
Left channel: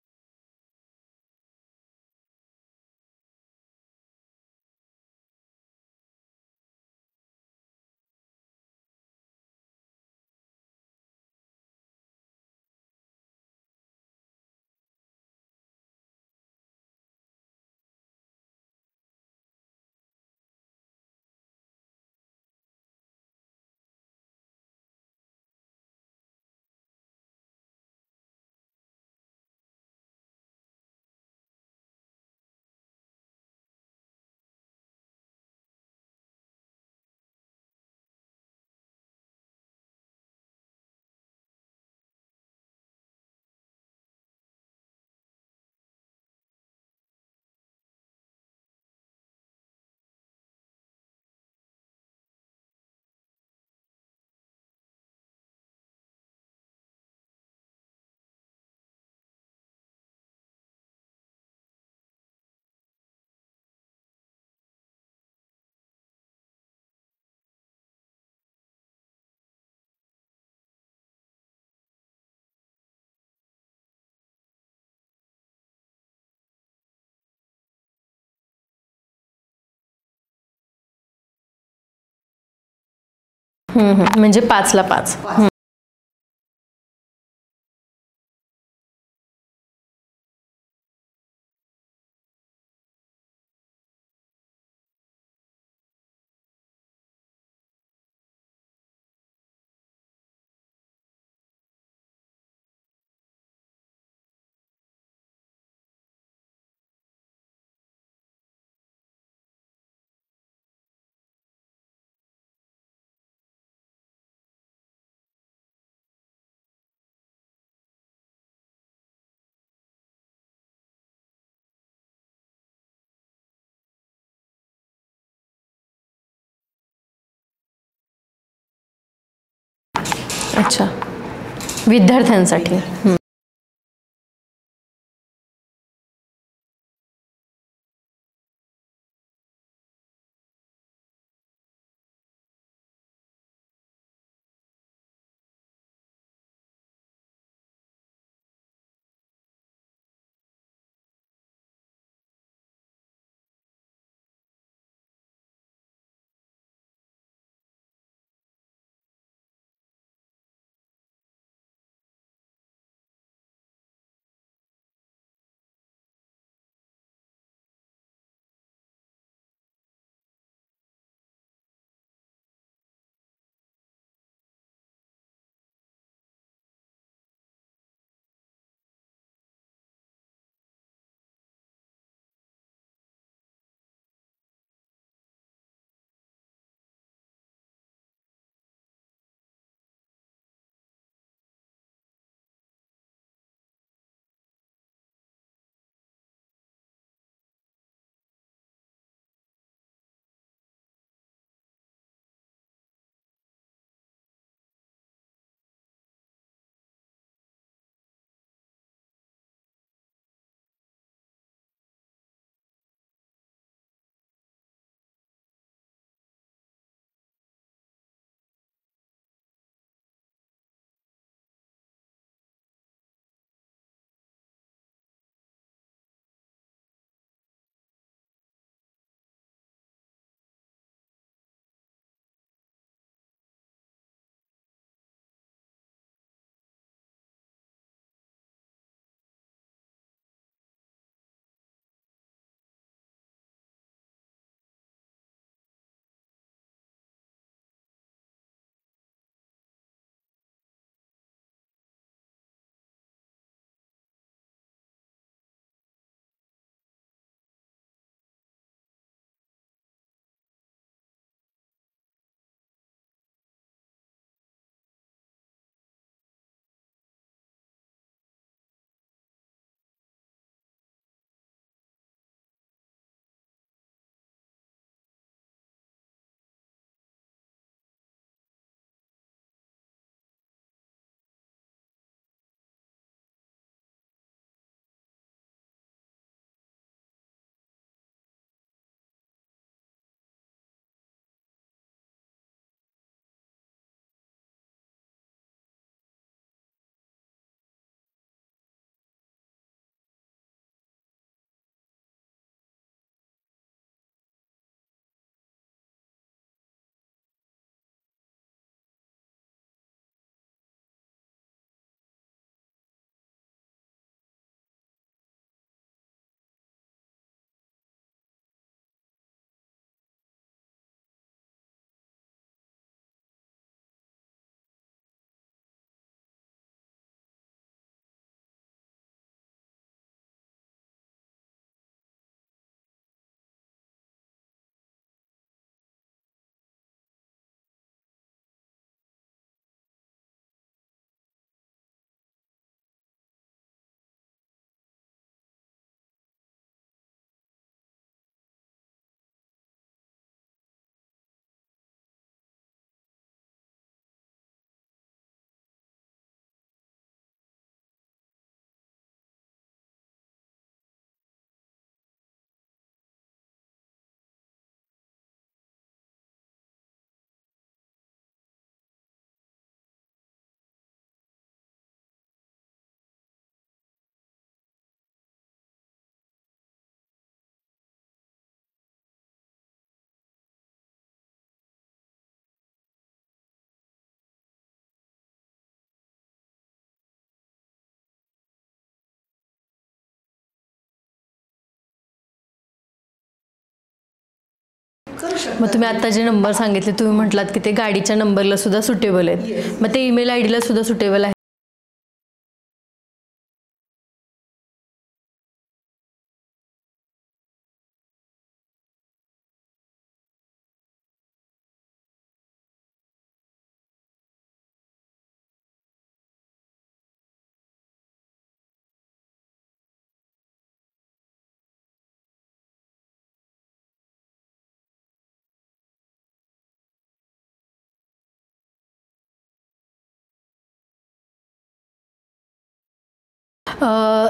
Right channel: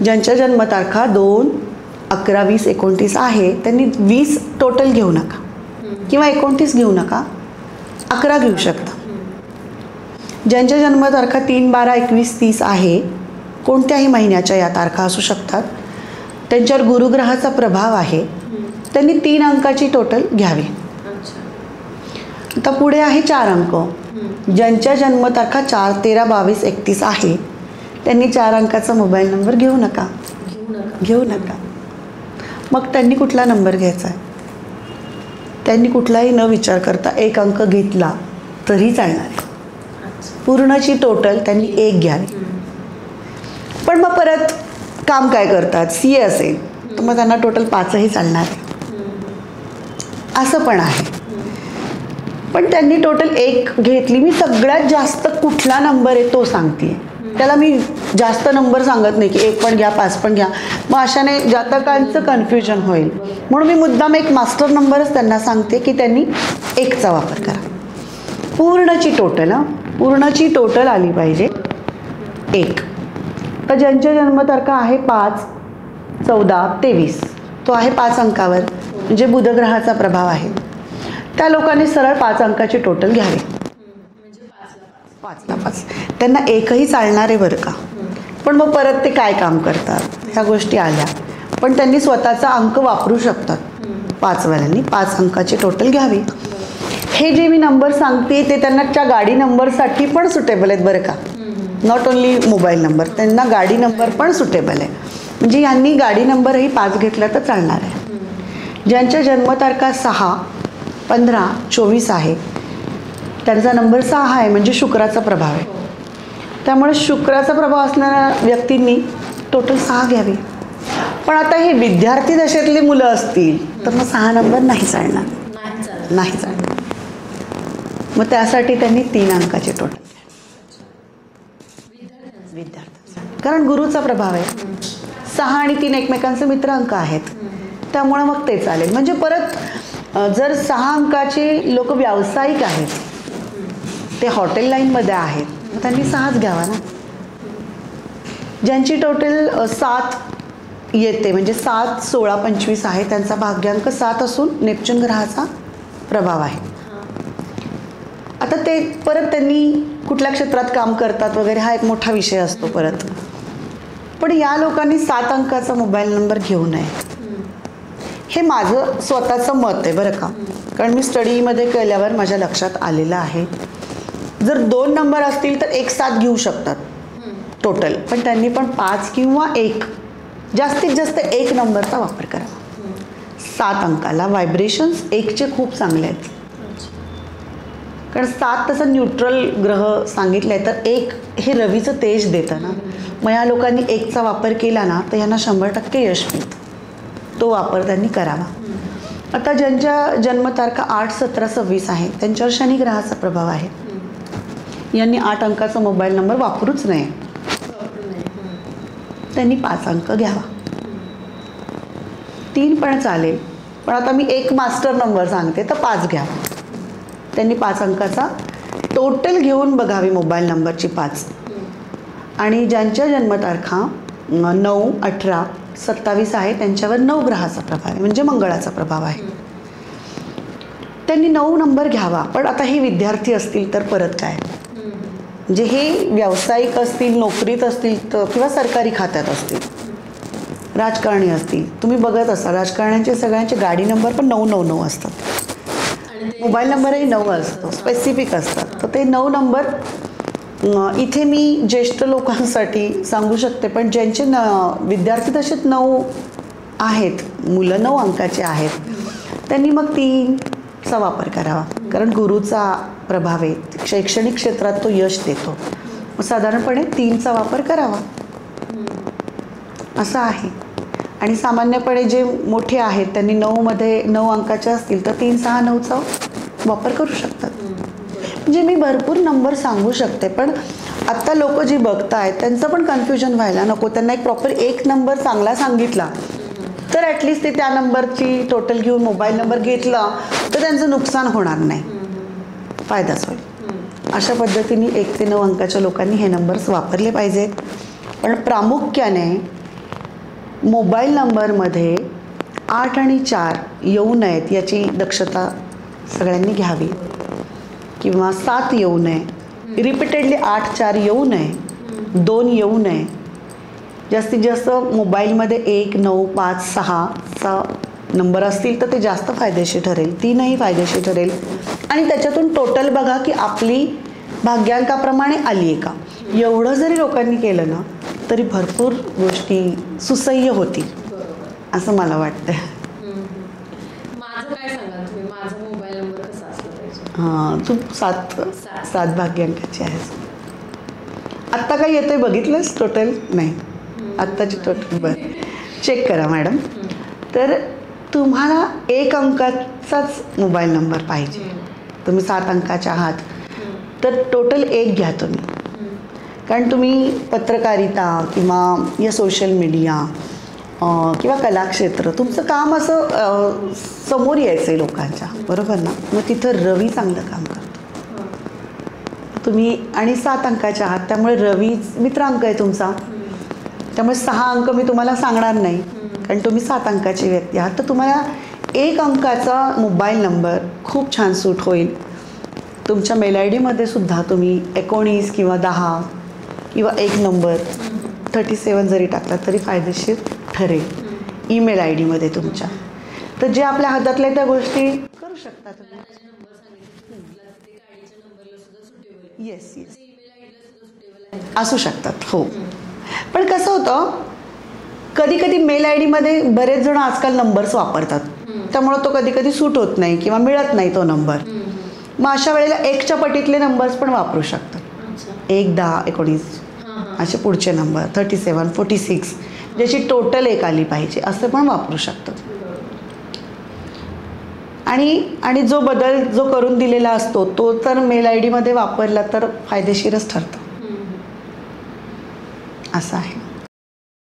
ज्यांच्या जन्मतारखा 2-11-20-29 आहे त्यांनी 20 टोटल घेऊ नका किंवा 29 घेऊ नका, 11 घेऊ शकता. ज्यांच्या जन्मतारखा 3-12-21-30 आहे कोणत्याही महिन्याच्या या तारखा असू शकतात. त्यांच्यावर गुरुग्रहाचा प्रभाव आहे. त्यांनी 3 अंकाची टोटल घ्यावी. आता पुढे आहे 4 अंक. ज्यांच्या जन्मतारखा 4, 13, 22, 31 आहे त्यांनी 4 अंकाचा मोबाईल नंबर घेऊ नका. मग त्यांनी कुठला नंबर घ्यायचा आहे? त्यांनी कुठलाही न विचार करता 1 अंक घेतला तरी चालणार आहे. पूर्णची टोटल त्यांनी 1 घ्यावी. पण मग परत काम काय करतात? CA असेल तर मग त्यांना टोटल 5ही चालणार आहे. असं पण आहे. पण त्यांनी टोटल 1 घेतली. मी सगळ्यात जास्त कुठला नंबर आहे तो सांगते. त्याला मी जास्त नंबर सांगत नाही की 1 पण घ्या 5 पण घ्या. मग अशाने जातकांचं कन्फ्युजन होईल. म्हणून मी मुद्दाम एक मास्टर नंबरच त्यांना सांगते की त्यांनी 1चा वापर करा. पूर्णची टोटल आली पाहिजे 1. तर ज्यांच्या जन्मतारखा आहे 5, 14, 23 तो आहे 5 अंकावर, म्हणजे बुधग्रहाचा प्रभाव आहे. त्या लोकांनी सरळ 5 अंकाची टोटल घ्यावी. म्हणजे 5ला 5. त्यांना 1ही चालणार आहे बरं का. पण मग परत ते काय काम करतात ह्या गोष्टी आल्या. पण त्यांनी स्वतःचा अंक वापरू शकतात. 5वाल्यांनी 5 अंकाची टोटल घ्यावी. हे जे मी नंबर सांगते ते त्यांना त्या गाडी नंबरसाठी पण सुटेबल आहेत बरं का. नॉट ओन्ली मोबाईल नंबर, त्यांना गाडी नंबर पण सुटेबल आहे. म्हणजे यांनी गाडी नंबरही 5 घेतला तर चालणार आहे. ज्यांच्या जन्मतारखा 6, 15, 24 आहे त्यांचा नंबर 6 आहे, म्हणजे शुक्राचा प्रभाव आहे. त्यामुळे शुक्राचा प्रभाव असणाऱ्या व्यक्तींनी टोटल 6 घ्यावी. पण आता हे विद्यार्थी दशेतली मुलं असतील तर मग 6 नंबर नाही चालणार. मग त्यासाठी त्यांनी 3 अंकाचे टोटल. अच्छा, विद्यार्थ्यांसाठी. कारण गुरुचा प्रभाव आहे. 6 आणि 3 एकमेकांचे मित्र अंक आहेत. त्यामुळे मग ते चालेल. म्हणजे परत जर 6 अंकाचे लोक व्यावसायिक आहेत, ते हॉटेल लाईनमध्ये आहेत, मग त्यांनी 6च घ्यावा ना. ज्यांची टोटल 7 येते, म्हणजे 7, 16, 25 आहे, त्यांचा भाग्यांक 7 असून नेपच्यून ग्रहाचा प्रभाव आहे. आता ते परत त्यांनी कुठल्या क्षेत्रात काम करतात वगैरे हा एक मोठा विषय असतो परत. पण या लोकांनी 7 अंकाचा मोबाईल नंबर घेऊ नये, हे माझं स्वतःचं मत आहे बरं का. कारण मी स्टडीमध्ये केल्यावर माझ्या लक्षात आलेलं आहे. जर 2 नंबर असतील तर 1 7 घेऊ शकतात टोटल, पण त्यांनी पण 5 किंवा 1, जास्तीत जास्त 1 नंबरचा वापर करा. 7 अंकाला व्हायब्रेशन्स 1चे खूप चांगले आहेत. कारण 7 तसं न्यूट्रल ग्रह सांगितलं आहे, तर 1 हे रवीचं तेज देतं ना. मग या लोकांनी 1चा वापर केला ना तर यांना 100% यश मिळतं. तो वापर त्यांनी करावा. आता ज्यांच्या जन्मतारखा 8, 17, 26 आहे त्यांच्यावर शनी ग्रहाचा प्रभाव आहे. यांनी 8 अंकाचा मोबाईल नंबर वापरूच नये. त्यांनी 5 अंक घ्यावा. 3 पण चालेल, पण आता मी एक मास्टर नंबर सांगते तर 5 घ्यावा. त्यांनी 5 अंकाचा टोटल घेऊन बघावी मोबाईल नंबरची 5. आणि ज्यांच्या जन्मतारखा 9, 18, 27 आहे त्यांच्यावर 9 ग्रहाचा प्रभाव आहे, म्हणजे मंगळाचा प्रभाव आहे. त्यांनी 9 नंबर घ्यावा. पण आता हे विद्यार्थी असतील तर परत काय, म्हणजे हे व्यावसायिक असतील, नोकरीत असतील तर, किंवा सरकारी खात्यात असतील, राजकारणी असतील. तुम्ही बघत असाल राजकारण्यांचे सगळ्यांचे गाडी नंबर पण 999 असतात. मोबाईल नंबरही 9 असतो, स्पेसिफिक असतात. तर ते 9 नंबर इथे मी ज्येष्ठ लोकांसाठी सांगू शकते, पण ज्यांचे विद्यार्थी तसेच 9 आहेत, मुलं 9 अंकाचे आहेत, त्यांनी मग 3चा वापर करावा. कारण गुरुचा प्रभाव आहे, शैक्षणिक क्षेत्रात तो यश देतो. मग साधारणपणे 3चा वापर करावा असं आहे. आणि सामान्यपणे जे मोठे आहेत त्यांनी 9मध्ये 9 अंकाचे असतील तर 3, 6, 9चा वापर करू शकतात. म्हणजे मी भरपूर नंबर सांगू शकते, पण आत्ता लोक जी बघतायत त्यांचं पण कन्फ्युजन व्हायला नको. त्यांना एक प्रॉपर 1 नंबर चांगला सांगितला तर ॲटलिस्ट ते त्या नंबरची टोटल घेऊन मोबाईल नंबर घेतला तर त्यांचं नुकसान होणार नाही, फायदाच होईल. अशा पद्धतीने 1 ते 9 अंकाच्या लोकांनी हे नंबर्स वापरले पाहिजेत. पण प्रामुख्याने मोबाईल नंबरमध्ये 8 आणि 4 येऊ नयेत याची दक्षता सगळ्यांनी घ्यावी, किंवा 7 येऊ नये, रिपीटेडली 8, 4 येऊ नये, 2 येऊ नये, जास्तीत जास्त मोबाईलमध्ये 1, 9, 5, 6चा नंबर असतील तर ते जास्त फायदेशीर ठरेल. 3ही फायदेशीर ठरेल. आणि त्याच्यातून टोटल बघा की आपली भाग्यांकाप्रमाणे आली आहे का. एवढं जरी लोकांनी केलं ना तरी भरपूर गोष्टी सुसह्य होतील असं मला वाटतं. माझं काय सांगाल तुम्ही, माझा मोबाईल नंबर कसा असला पाहिजे? हां, तू 7 भाग्यांकाची आहेस. आत्ता काय येतंय बघितलंस टोटल? नाही, आत्ताची टोटल बरं चेक करा मॅडम. तर तुम्हाला 1 अंकाचाच मोबाईल नंबर पाहिजे. तुम्ही 7 अंकाचे आहात तर टोटल 1 घ्या तुम्ही. कारण तुम्ही पत्रकारिता किंवा या सोशल मीडिया किंवा कलाक्षेत्र तुमचं काम असं समोर यायचं आहे लोकांच्या, बरोबर ना. मग तिथं रवी चांगलं काम करतो. तुम्ही आणि 7 अंकाचे आहात त्यामुळे रवी मित्र अंक आहे तुमचा. त्यामुळे 6 अंक मी तुम्हाला सांगणार नाही कारण तुम्ही 7 अंकाची व्यक्ती आहात. तर तुम्हाला 1 अंकाचा मोबाईल नंबर खूप छान सूट होईल. तुमच्या मेल आय डीमध्ये सुद्धा तुम्ही 19 किंवा 10 किंवा 1 नंबर 37 जरी टाकला तरी फायदेशीर ठरेल ईमेल आय डीमध्ये तुमच्या. तर जे आपल्या हातातल्या त्या गोष्टी करू शकतो. मग तुम्ही आता जे नंबर सांगितले तुम्ही म्हटलात की ते गाडीच्या नंबरला सुद्धा सुटेबल आहेत. मग ते ईमेल आय डीला सुद्धा सुटेबल आहे असू शकतात. हो, पण कसं होतं कधी कधी मेल आय डीमध्ये बरेच जण आजकाल नंबर्स वापरतात त्यामुळे तो कधी कधी सूट होत नाही किंवा मिळत नाही तो नंबर. मग अशा वेळेला 1च्या पटीतले नंबर्स पण वापरू शकतात. 1, 10, 19 असे पुढचे नंबर 37, 46 ज्याची टोटल 1 आली पाहिजे असं पण वापरू शकतात. आणि जो बदल जो करून दिलेला असतो तो तर मेल आय डीमध्ये वापरला तर फायदेशीरच ठरतो असं आहे.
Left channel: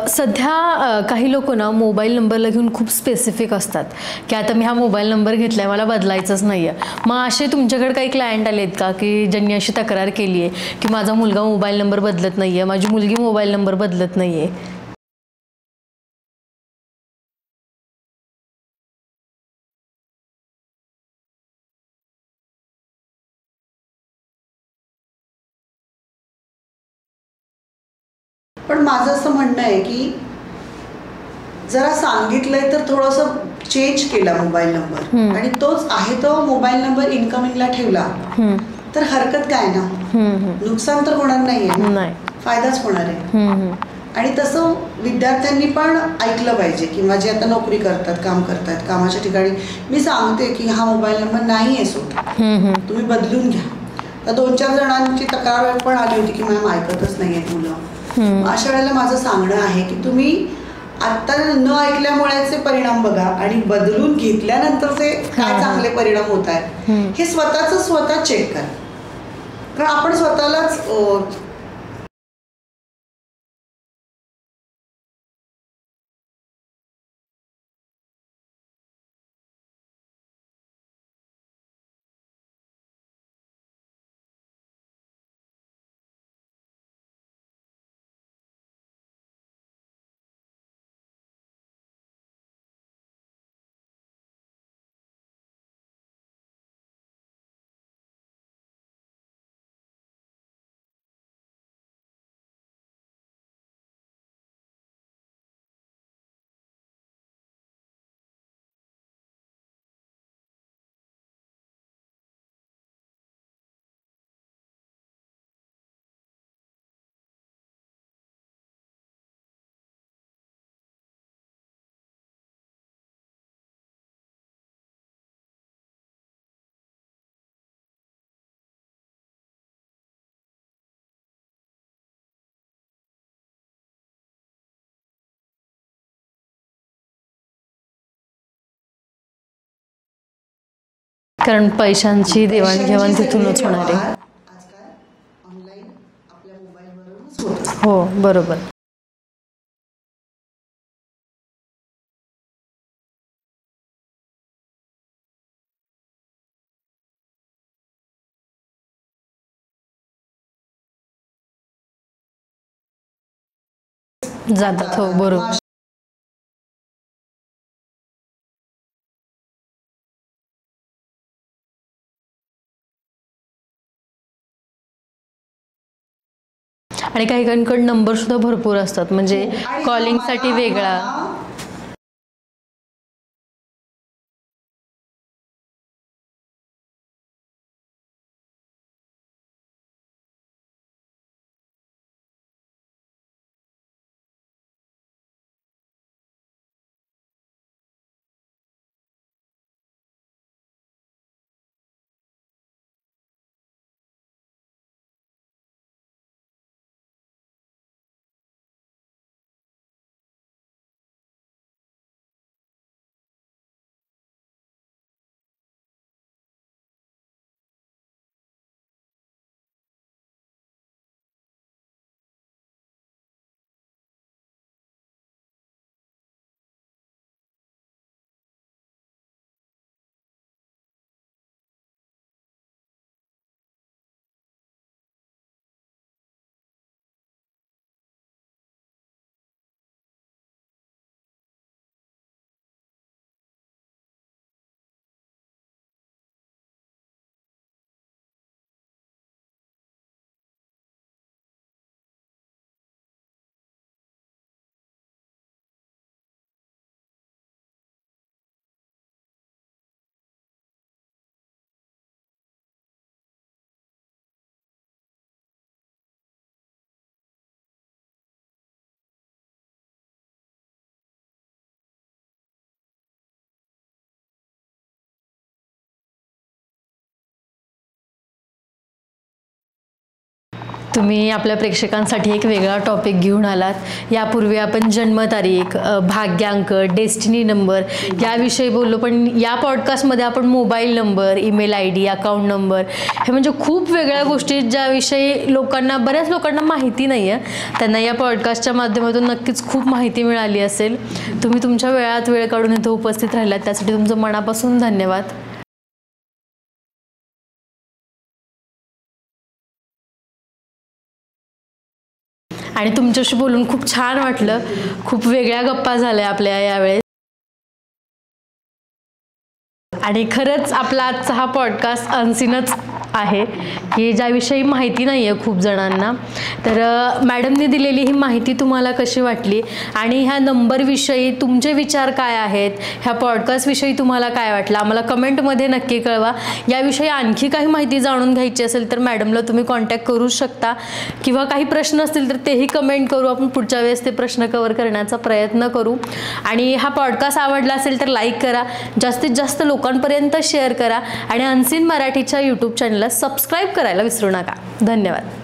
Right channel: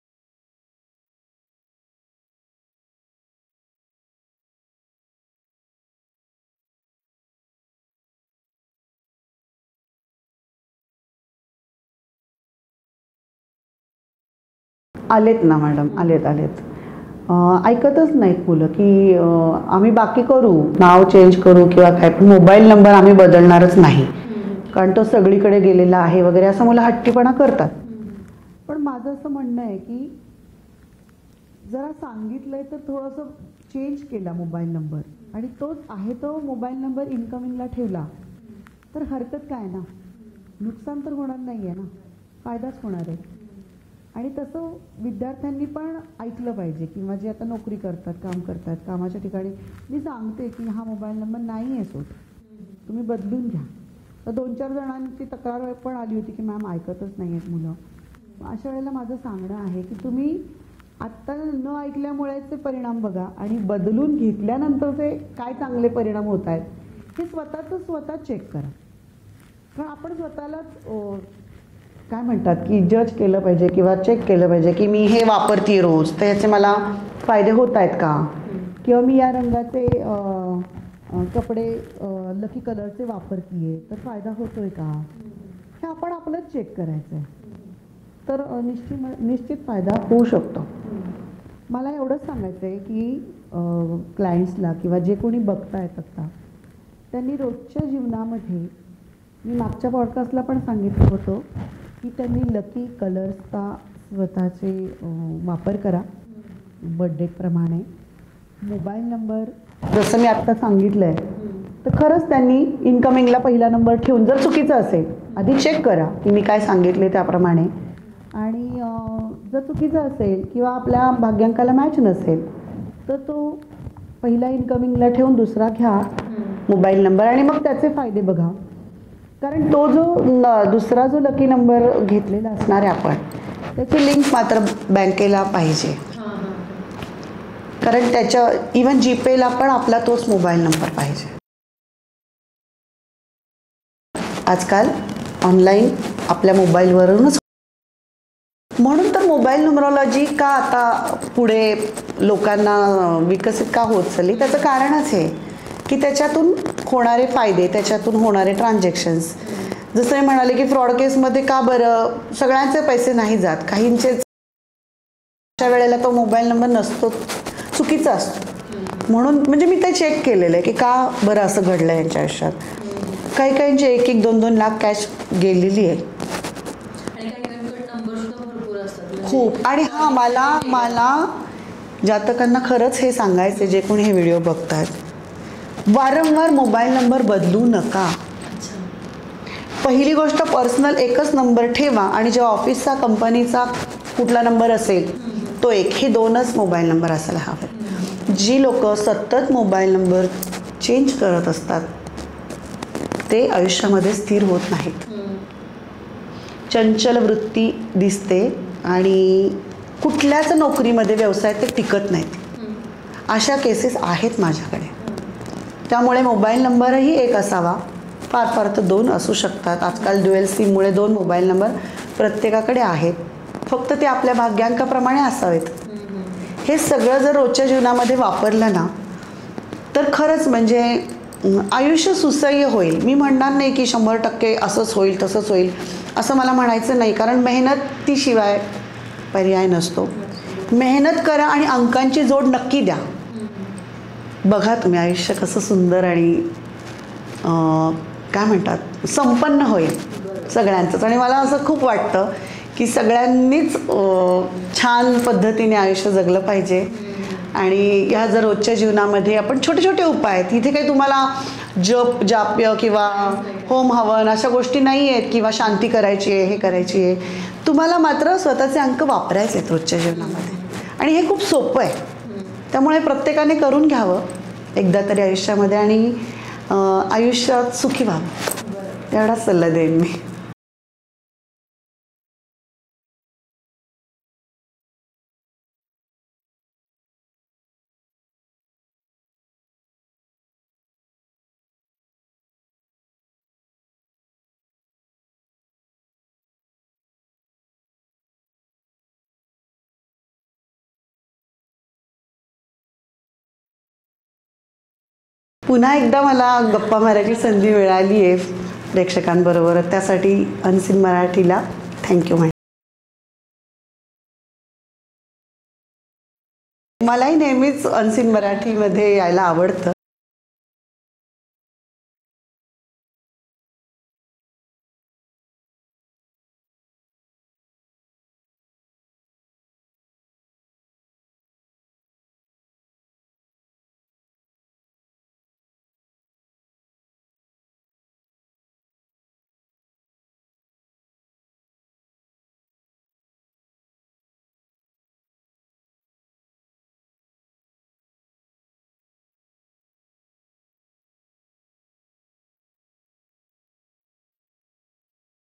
सध्या काही लोक ना मोबाईल नंबरला घेऊन खूप स्पेसिफिक असतात की आता मी हा मोबाईल नंबर घेतला आहे मला बदलायचंच नाही आहे. मग असे तुमच्याकडे काही क्लायंट आले आहेत का की ज्यांनी अशी तक्रार केली आहे की माझा मुलगा मोबाईल नंबर बदलत नाही आहे, माझी मुलगी मोबाईल नंबर बदलत नाही आहे? आलेत ना मॅडम, आलेत. ऐकतच नाहीत मुलं की आम्ही बाकी करू, नाव चेंज करू किंवा काय, पण मोबाईल नंबर आम्ही बदलणारच नाही कारण तो सगळीकडे गेलेला आहे वगैरे असं मुलं हट्टीपणा करतात. पण माझं असं म्हणणं आहे की जरा सांगितलंय तर थोडंसं चेंज केला मोबाईल नंबर आणि तोच आहे तो मोबाईल नंबर इन्कमिंगला ठेवला तर हरकत काय ना. नुकसान तर होणार नाहीये, फायदाच होणार आहे. आणि तसं विद्यार्थ्यांनी पण ऐकलं पाहिजे किंवा जे आता नोकरी करतात, काम करतात, कामाच्या ठिकाणी मी सांगते की हा मोबाईल नंबर नाही आहे सूट, तुम्ही बदलून घ्या. तर 2-4 जणांची तक्रार पण आली होती की मॅम ऐकतच नाही आहेत मुलं. अशा वेळेला माझं सांगणं आहे की तुम्ही आत्ता न ऐकल्यामुळेचे परिणाम बघा आणि बदलून घेतल्यानंतरचे काय चांगले परिणाम होत आहेत हे स्वतः चेक करा. कारण आपण स्वतःलाच काय म्हणतात की जज केलं पाहिजे किंवा चेक केलं पाहिजे की मी हे वापरते रोज तर याचे मला फायदे होत आहेत का, किंवा मी या रंगाचे कपडे लकी कलरचे वापरते तर फायदा होतोय का, हे आपण आपलंच चेक करायचं आहे. तर निश्चित फायदा होऊ शकतो. मला एवढंच सांगायचं आहे की क्लायंट्सला किंवा जे कोणी बघतायत आता त्यांनी रोजच्या जीवनामध्ये, मी मागच्या पॉडकास्टला पण सांगितलं होतं की त्यांनी लकी कलर्सचा स्वतःचे वापर करा. बर्थडेप्रमाणे मोबाईल नंबर जसं मी आत्ता सांगितलं आहे तर खरंच त्यांनी इन्कमिंगला पहिला नंबर ठेवून, जर चुकीचं असेल आधी चेक करा की मी काय सांगितले त्याप्रमाणे. आणि जर चुकीचं असेल किंवा आपल्या भाग्यांकाला मॅच नसेल तर तो पहिला इन्कमिंगला ठेवून दुसरा घ्या मोबाईल नंबर आणि मग त्याचे फायदे बघा. कारण तो जो दुसरा जो लकी नंबर घेतलेला असणार आहे आपण त्याची लिंक मात्र बँकेला पाहिजे. कारण त्याच्या इवन जीपेला पण आपला तोच मोबाईल नंबर पाहिजे. कारण पैशांची देवाणघेवाण तिथूनच होणार आहे आजकाल, ऑनलाईन आपल्या मोबाईलवरूनच होतं. हो बरोबर. म्हणून तर मोबाईल न्युमरॉलॉजी का आता पुढे लोकांना विकसित का होत चालली त्याचं कारणच आहे की त्याच्यातून होणारे फायदे, त्याच्यातून होणारे ट्रान्झॅक्शन्स. जसं मी म्हणाले की फ्रॉड केसमध्ये का बरं सगळ्यांचे पैसे नाही जात, काहींचेच जातात. हो बरोबर. अशा वेळेला तो मोबाईल नंबर नसतो, चुकीचा असतो. म्हणून म्हणजे मी ते चेक केलेलं आहे की का बरं असं घडलं यांच्या आयुष्यात. काही काहींचे 1-1, 2-2 लाख कॅश गेलेली आहे. आणि काही काहींकडे नंबर सुद्धा भरपूर असतात, म्हणजे खूप. आणि कॉलिंगसाठी वेगळा. मला जातकांना खरंच हे सांगायचे, जे कोणी हे व्हिडिओ बघतायत, वारंवार मोबाईल नंबर बदलू नका. पहिली गोष्ट, पर्सनल एकच नंबर ठेवा आणि जेव्हा ऑफिसचा कंपनीचा कुठला नंबर असेल तो एक, हे 2च मोबाईल नंबर असायला हवे. जी लोक सतत मोबाईल नंबर चेंज करत असतात ते आयुष्यामध्ये स्थिर होत नाहीत. चंचल वृत्ती दिसते आणि कुठल्याच नोकरीमध्ये, व्यवसायात ते टिकत नाहीत. अशा केसेस आहेत माझ्याकडे. त्यामुळे मोबाईल नंबरही एक असावा, फार फार तर 2 असू शकतात. आजकाल ड्युएल सिममुळे 2 मोबाईल नंबर प्रत्येकाकडे आहेत, फक्त ते आपल्या भाग्यांकाप्रमाणे असावेत. हे सगळं जर रोजच्या जीवनामध्ये वापरलं ना तर खरंच म्हणजे आयुष्य सुसह्य होईल. मी म्हणणार नाही की 100% असंच होईल तसंच होईल असं मला म्हणायचं नाही, कारण मेहनतीशिवाय पर्याय नसतो. मेहनत करा आणि अंकांची जोड नक्की द्या. बघा तुम्ही आयुष्य कसं सुंदर आणि काय म्हणतात संपन्न होईल सगळ्यांचंच. आणि मला असं खूप वाटतं की सगळ्यांनीच छान पद्धतीने आयुष्य जगलं पाहिजे. आणि ह्या जर रोजच्या जीवनामध्ये आपण छोटे छोटे उपाय आहेत, इथे काही तुम्हाला जाप्य किंवा होम हवन अशा गोष्टी नाही आहेत किंवा शांती करायची आहे, हे करायची आहे. तुम्हाला मात्र स्वतःचे अंक वापरायचे आहेत रोजच्या जीवनामध्ये आणि हे खूप सोपं आहे. त्यामुळे प्रत्येकाने करून घ्यावं एकदा तरी आयुष्यामध्ये आणि आयुष्यात सुखी व्हावं, एवढाच सल्ला देईन मी. तुम्ही आपल्या प्रेक्षकांसाठी एक वेगळा टॉपिक घेऊन आलात. यापूर्वी आपण जन्मतारीख, भाग्यांक, डेस्टिनी नंबर याविषयी बोललो, पण या पॉडकास्टमध्ये आपण mobile number, email ID, account number, हे म्हणजे खूप वेगळ्या गोष्टी ज्याविषयी बऱ्याच लोकांना माहिती नाही आहे. त्यांना या पॉडकास्टच्या माध्यमातून नक्कीच खूप माहिती मिळाली असेल. तुम्ही तुमच्या वेळात वेळ काढून इथं उपस्थित राहिलात, त्यासाठी तुमचं मनापासून धन्यवाद. पुन्हा एकदा मला गप्पा मारायची संधी मिळाली आहे प्रेक्षकांबरोबर, त्यासाठी अनसीन मराठीला थँक्यू. आणि तुमच्याशी बोलून खूप छान वाटलं. खूप वेगळ्या गप्पा झाल्या आपल्या यावेळेस. मलाही नेहमीच अनसीन मराठीमध्ये यायला आवडतं. आणि खरंच आपला आजचा हा पॉडकास्ट अनसीनच आहे की ज्याविषयी माहिती नाही आहे खूप जणांना. तर मॅडमने दिलेली ही माहिती तुम्हाला कशी वाटली आणि ह्या नंबरविषयी तुमचे विचार काय आहेत, ह्या पॉडकास्टविषयी तुम्हाला काय वाटलं, आम्हाला कमेंटमध्ये नक्की कळवा. याविषयी आणखी काही माहिती जाणून घ्यायची असेल तर मॅडमला तुम्ही कॉन्टॅक्ट करू शकता किंवा काही प्रश्न असतील तर तेही कमेंट करू. आपण पुढच्या वेळेस ते प्रश्न कव्हर करण्याचा प्रयत्न करू. आणि हा पॉडकास्ट आवडला असेल तर लाईक करा, जास्तीत जास्त लोकांपर्यंत शेअर करा आणि अनसीन मराठीच्या यूट्यूब चॅनलला सबस्क्राईब करायला विसरू नका. धन्यवाद.